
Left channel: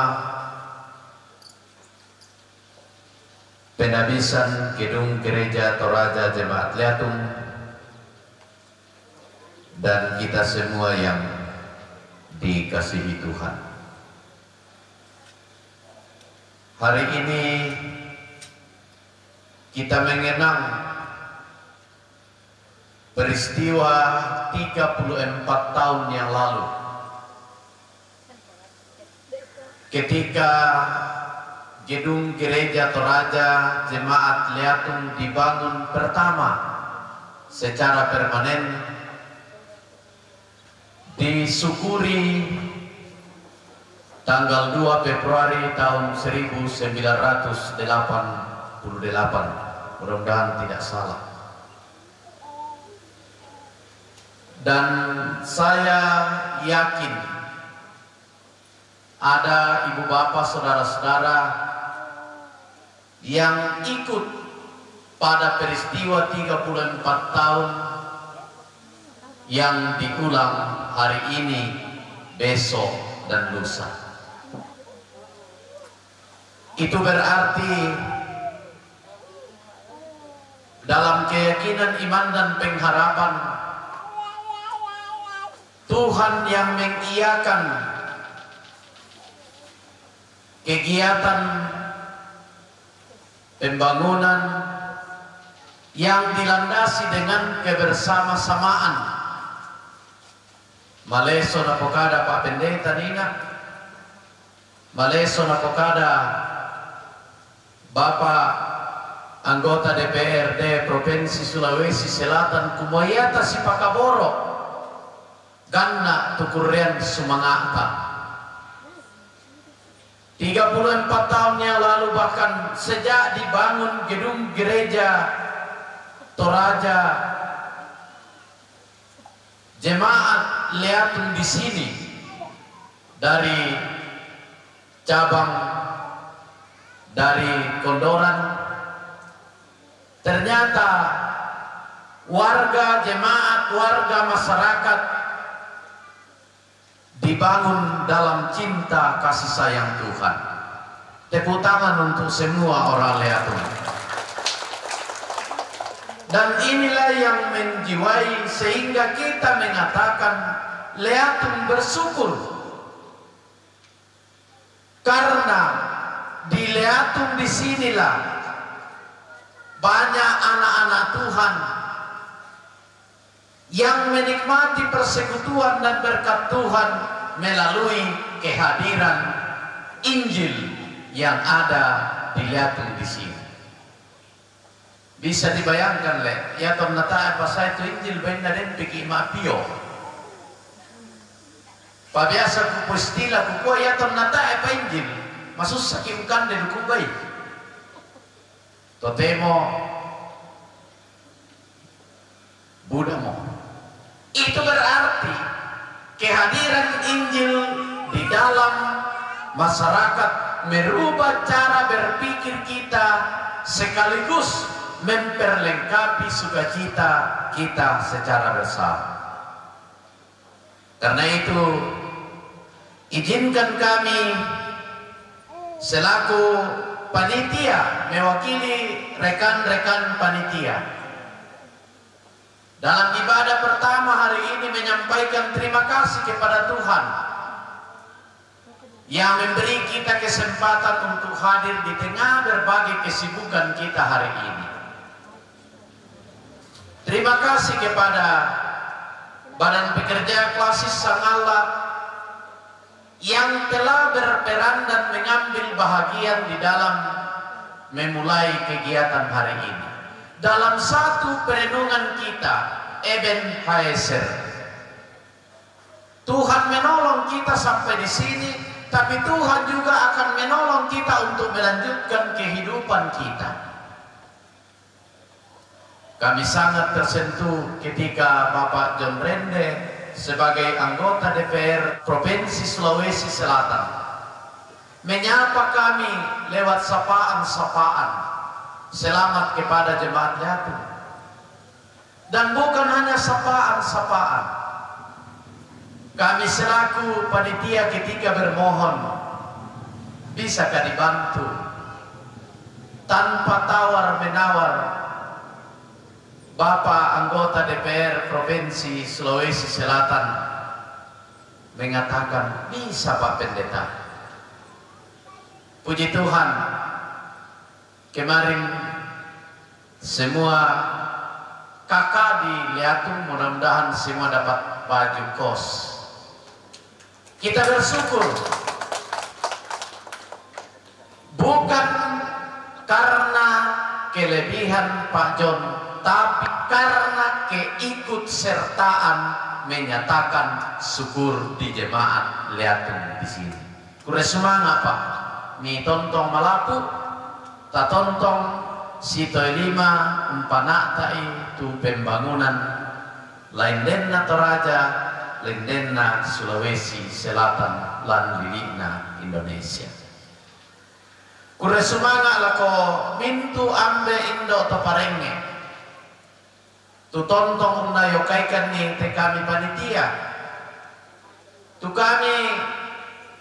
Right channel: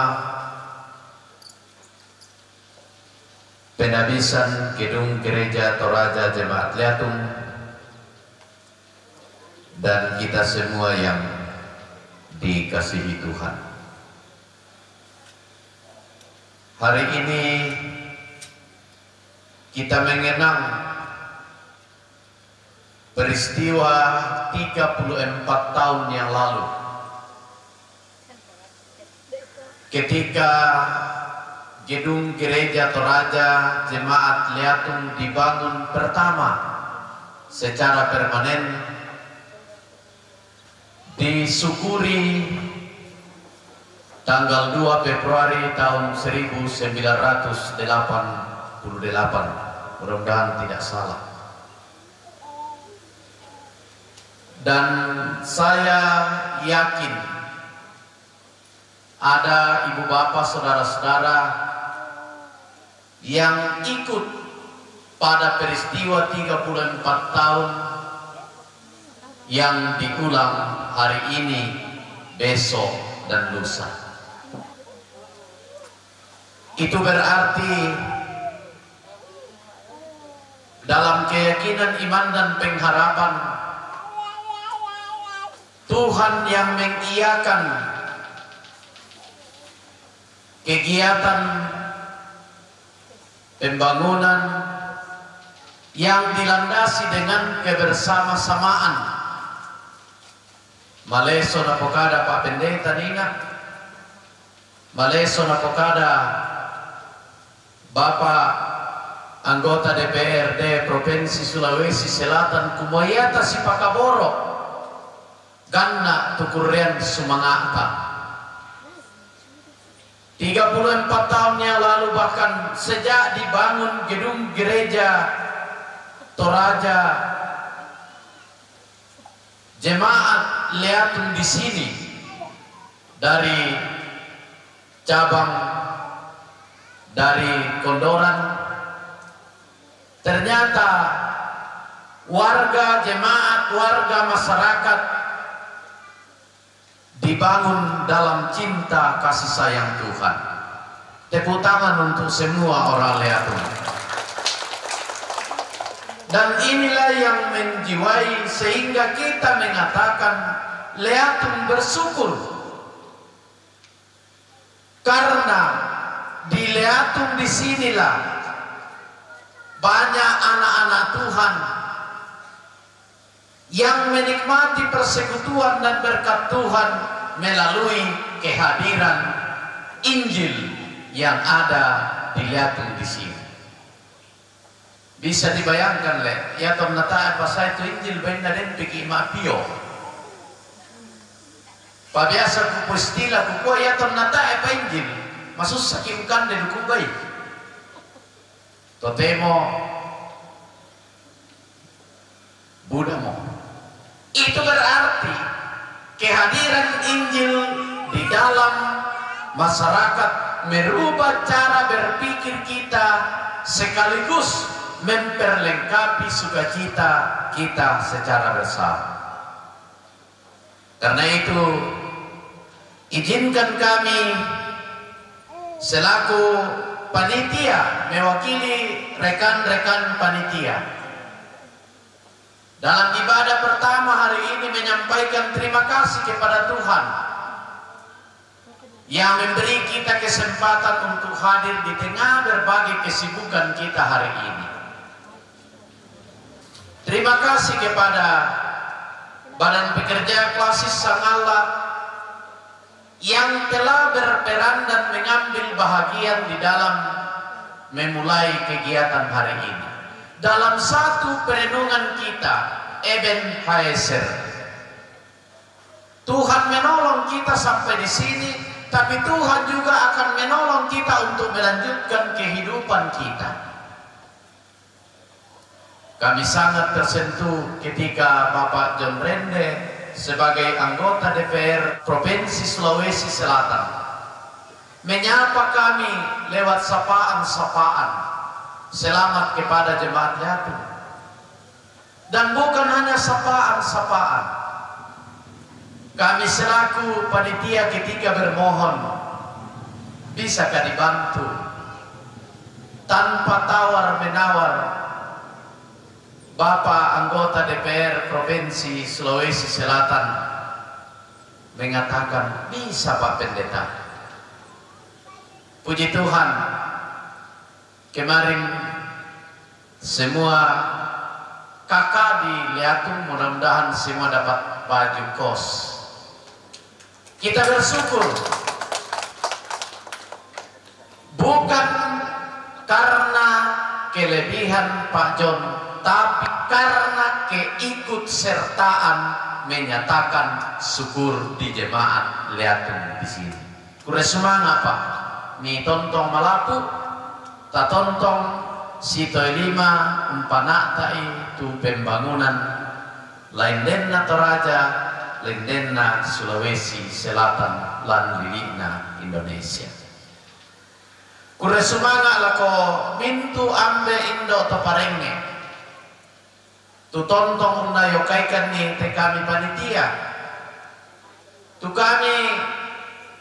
penabisan gedung gereja Toraja Jemaat Letung, dan kita semua yang dikasihi Tuhan. Hari ini kita mengenang peristiwa 34 tahun yang lalu, ketika gedung gereja Toraja Jemaat Letung dibangun pertama secara permanen, disyukuri tanggal 2 Februari tahun 1988, mudah-mudahan tidak salah. Dan saya yakin ada ibu bapak saudara-saudara yang ikut pada peristiwa 34 tahun yang diulang hari ini, besok, dan lusa. Itu berarti dalam keyakinan iman dan pengharapan, Tuhan yang mengiyakan kegiatan pembangunan yang dilandasi dengan kebersama-samaan. Maleso na pokada Pak Pendeta Nina, maleso na pokada Bapak anggota DPRD Provinsi Sulawesi Selatan kumayata si Pakaboro ganna tukurian sumangata. 34 tahun yang lalu, bahkan sejak dibangun gedung gereja Toraja jemaat Leatum di sini, dari cabang dari Kondoran, ternyata warga jemaat, warga masyarakat dibangun dalam cinta kasih sayang Tuhan. Tepuk tangan untuk semua orang Leatum. Dan inilah yang menjiwai sehingga kita mengatakan Leatum bersyukur, karena di Leatum disinilah banyak anak-anak Tuhan yang menikmati persekutuan dan berkat Tuhan melalui kehadiran Injil yang ada di Leatum di sini. Bisa dibayangkan ya tom nata apa saya itu Injil benda den piki mapio. Pabiasa ku pustila ku ko ya tom nata apa Injil masus sakimkan den ku baik. Totemo budamo. Itu berarti kehadiran Injil di dalam masyarakat merubah cara berpikir kita sekaligus memperlengkapi sukacita kita secara bersama. Karena itu izinkan kami selaku panitia mewakili rekan-rekan panitia dalam ibadah pertama hari ini menyampaikan terima kasih kepada Tuhan yang memberi kita kesempatan untuk hadir di tengah berbagai kesibukan kita hari ini. Terima kasih kepada Badan Pekerja Klasis Sang Allah yang telah berperan dan mengambil bahagian di dalam memulai kegiatan hari ini. Dalam satu perenungan kita, Ebenezer, Tuhan menolong kita sampai di sini, tapi Tuhan juga akan menolong kita untuk melanjutkan kehidupan kita. Kami sangat tersentuh ketika Bapak John Rende sebagai anggota DPR Provinsi Sulawesi Selatan menyapa kami lewat sapaan-sapaan selamat kepada jemaat Leatum. Dan bukan hanya sapaan-sapaan, kami selaku panitia ketika bermohon, bisakah dibantu tanpa tawar-menawar. Bapak anggota DPR Provinsi Sulawesi Selatan mengatakan, bisa Pak Pendeta. Puji Tuhan, kemarin semua kakak di Leatum mudah-mudahan semua dapat baju kos. Kita bersyukur, bukan karena kelebihan Pak John, tapi karena keikutsertaan menyatakan syukur di jemaat Leatum di sini. Kure semangat Pak, mi tontong Malapu, ta tontong Sito Lima, Umpanaktai tu pembangunan lain denna Toraja, lain denna Sulawesi Selatan, lan lilina Indonesia. Kure semangat lako mintu ambe indo toparenge. Tu tontong unayokaikan ni te kami panitia. Tu kami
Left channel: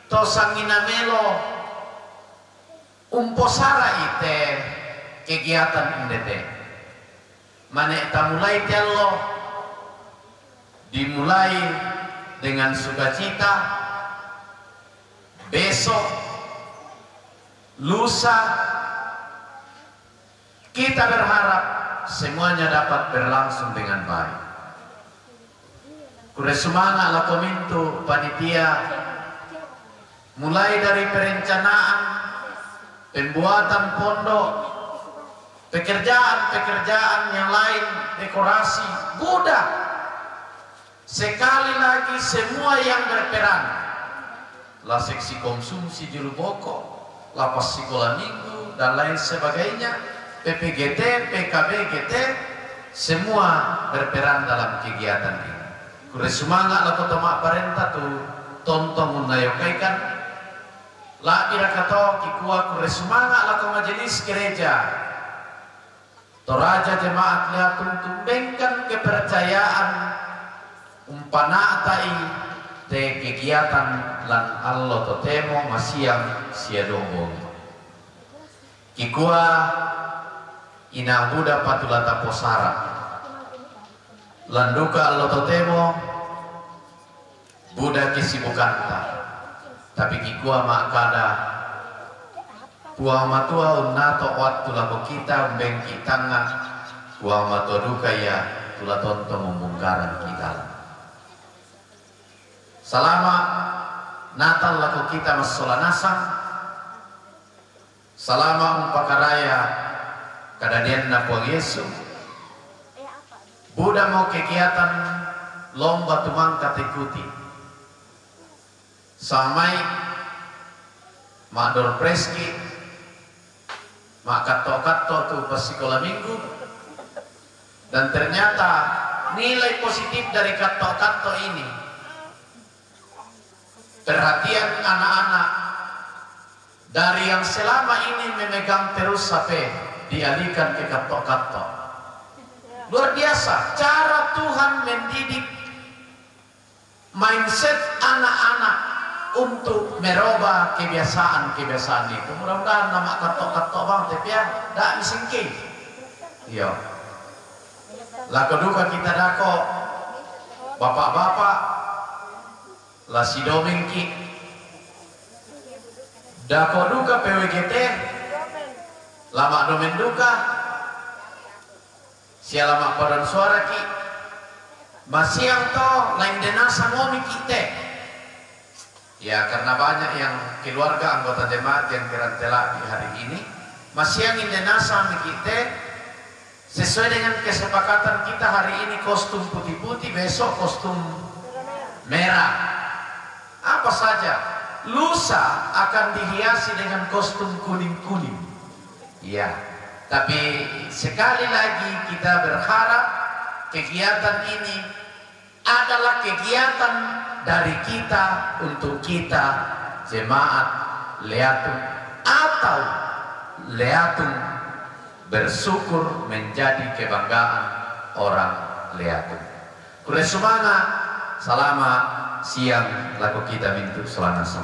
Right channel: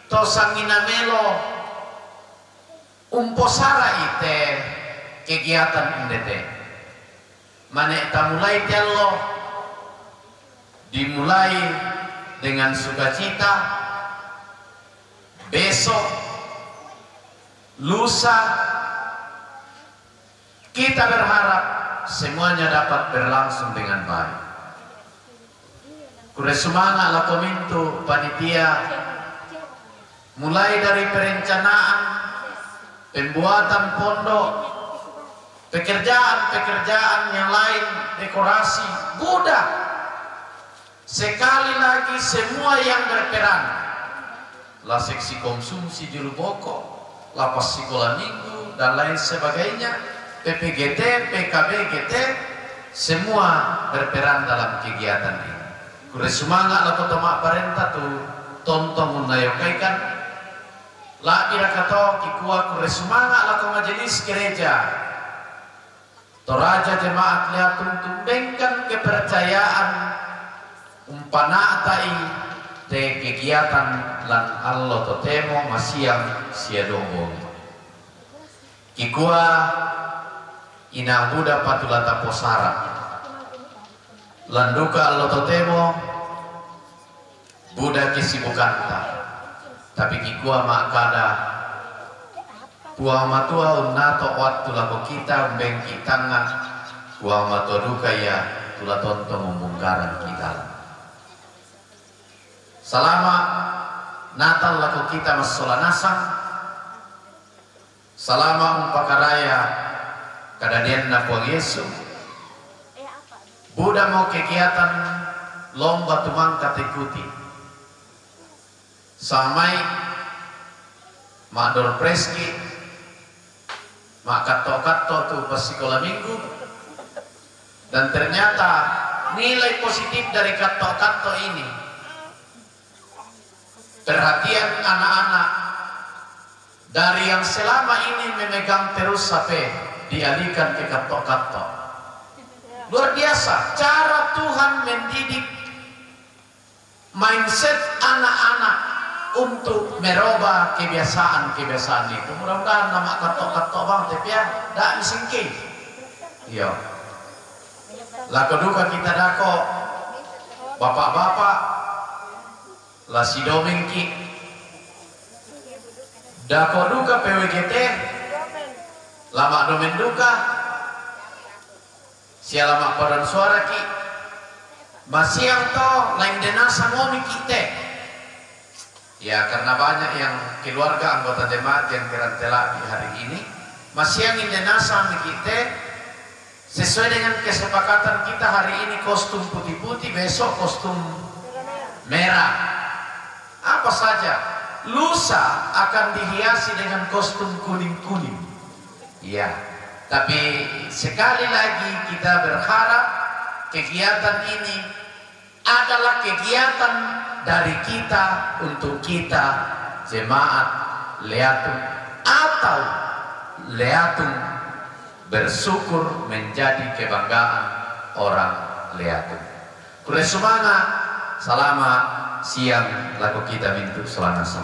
to sanginamelo umposara ite kegiatan indete. Mane tamulai tello dimulai dengan sukacita. Besok, lusa, Kita berharap semuanya dapat berlangsung dengan baik. Kure semangat lah komintu panitia, mulai dari perencanaan, pembuatan pondok, pekerjaan-pekerjaan yang lain, dekorasi, budak. Sekali lagi semua yang berperan, lah seksi konsumsi juru pokok, lapas sekolah minggu dan lain sebagainya, PPGT, PKBGT, semua berperan dalam kegiatan ini. Kure semangat lah kota mak parenta tu tonton menayokaikan lah ira kato kikua kure semangat lah ko majelis gereja toraja jemaat liatung tumbengkan kepercayaan umpana atai te kegiatan lan Allah totemo masiang siadongo kikua ina buda patulata posara landuka Allah totemo buda kesibukanta tapi kikua makada puang matua unato waktu lagu kita umbengki tangga puang matua duka ya tula tonto membongkaran kita selama Natal lagu kita masolanasang selama umpakaraya kadadian na puang Yesus Buddha mau kegiatan lomba tumangkat ikuti samai mak dor preski mak kato-kato tu pas sekolah minggu dan ternyata nilai positif dari kato-kato ini perhatian anak-anak dari yang selama ini memegang terus HP dialihkan ke kato-kato. Luar biasa cara Tuhan mendidik mindset anak-anak untuk merubah kebiasaan-kebiasaan itu. Mudah-mudahan nama katok-katok bang tapi ya dak misingki. Iya. Lah keduka kita dako bapak-bapak lah si domengki dako duka PWGT lama domen duka sialamak padan suara ki masih yang to lain denasa momi kita ya karena banyak yang keluarga anggota jemaat yang kerantela di hari ini masih yang denasa kita sesuai dengan kesepakatan kita hari ini kostum putih-putih besok kostum merah apa saja lusa akan dihiasi dengan kostum kuning-kuning ya. Tapi sekali lagi kita berharap kegiatan ini adalah kegiatan dari kita untuk kita jemaat Leatung atau Leatung bersyukur menjadi kebanggaan orang Leatung. Kure semangat selama siang lagu kita mintu selanasam.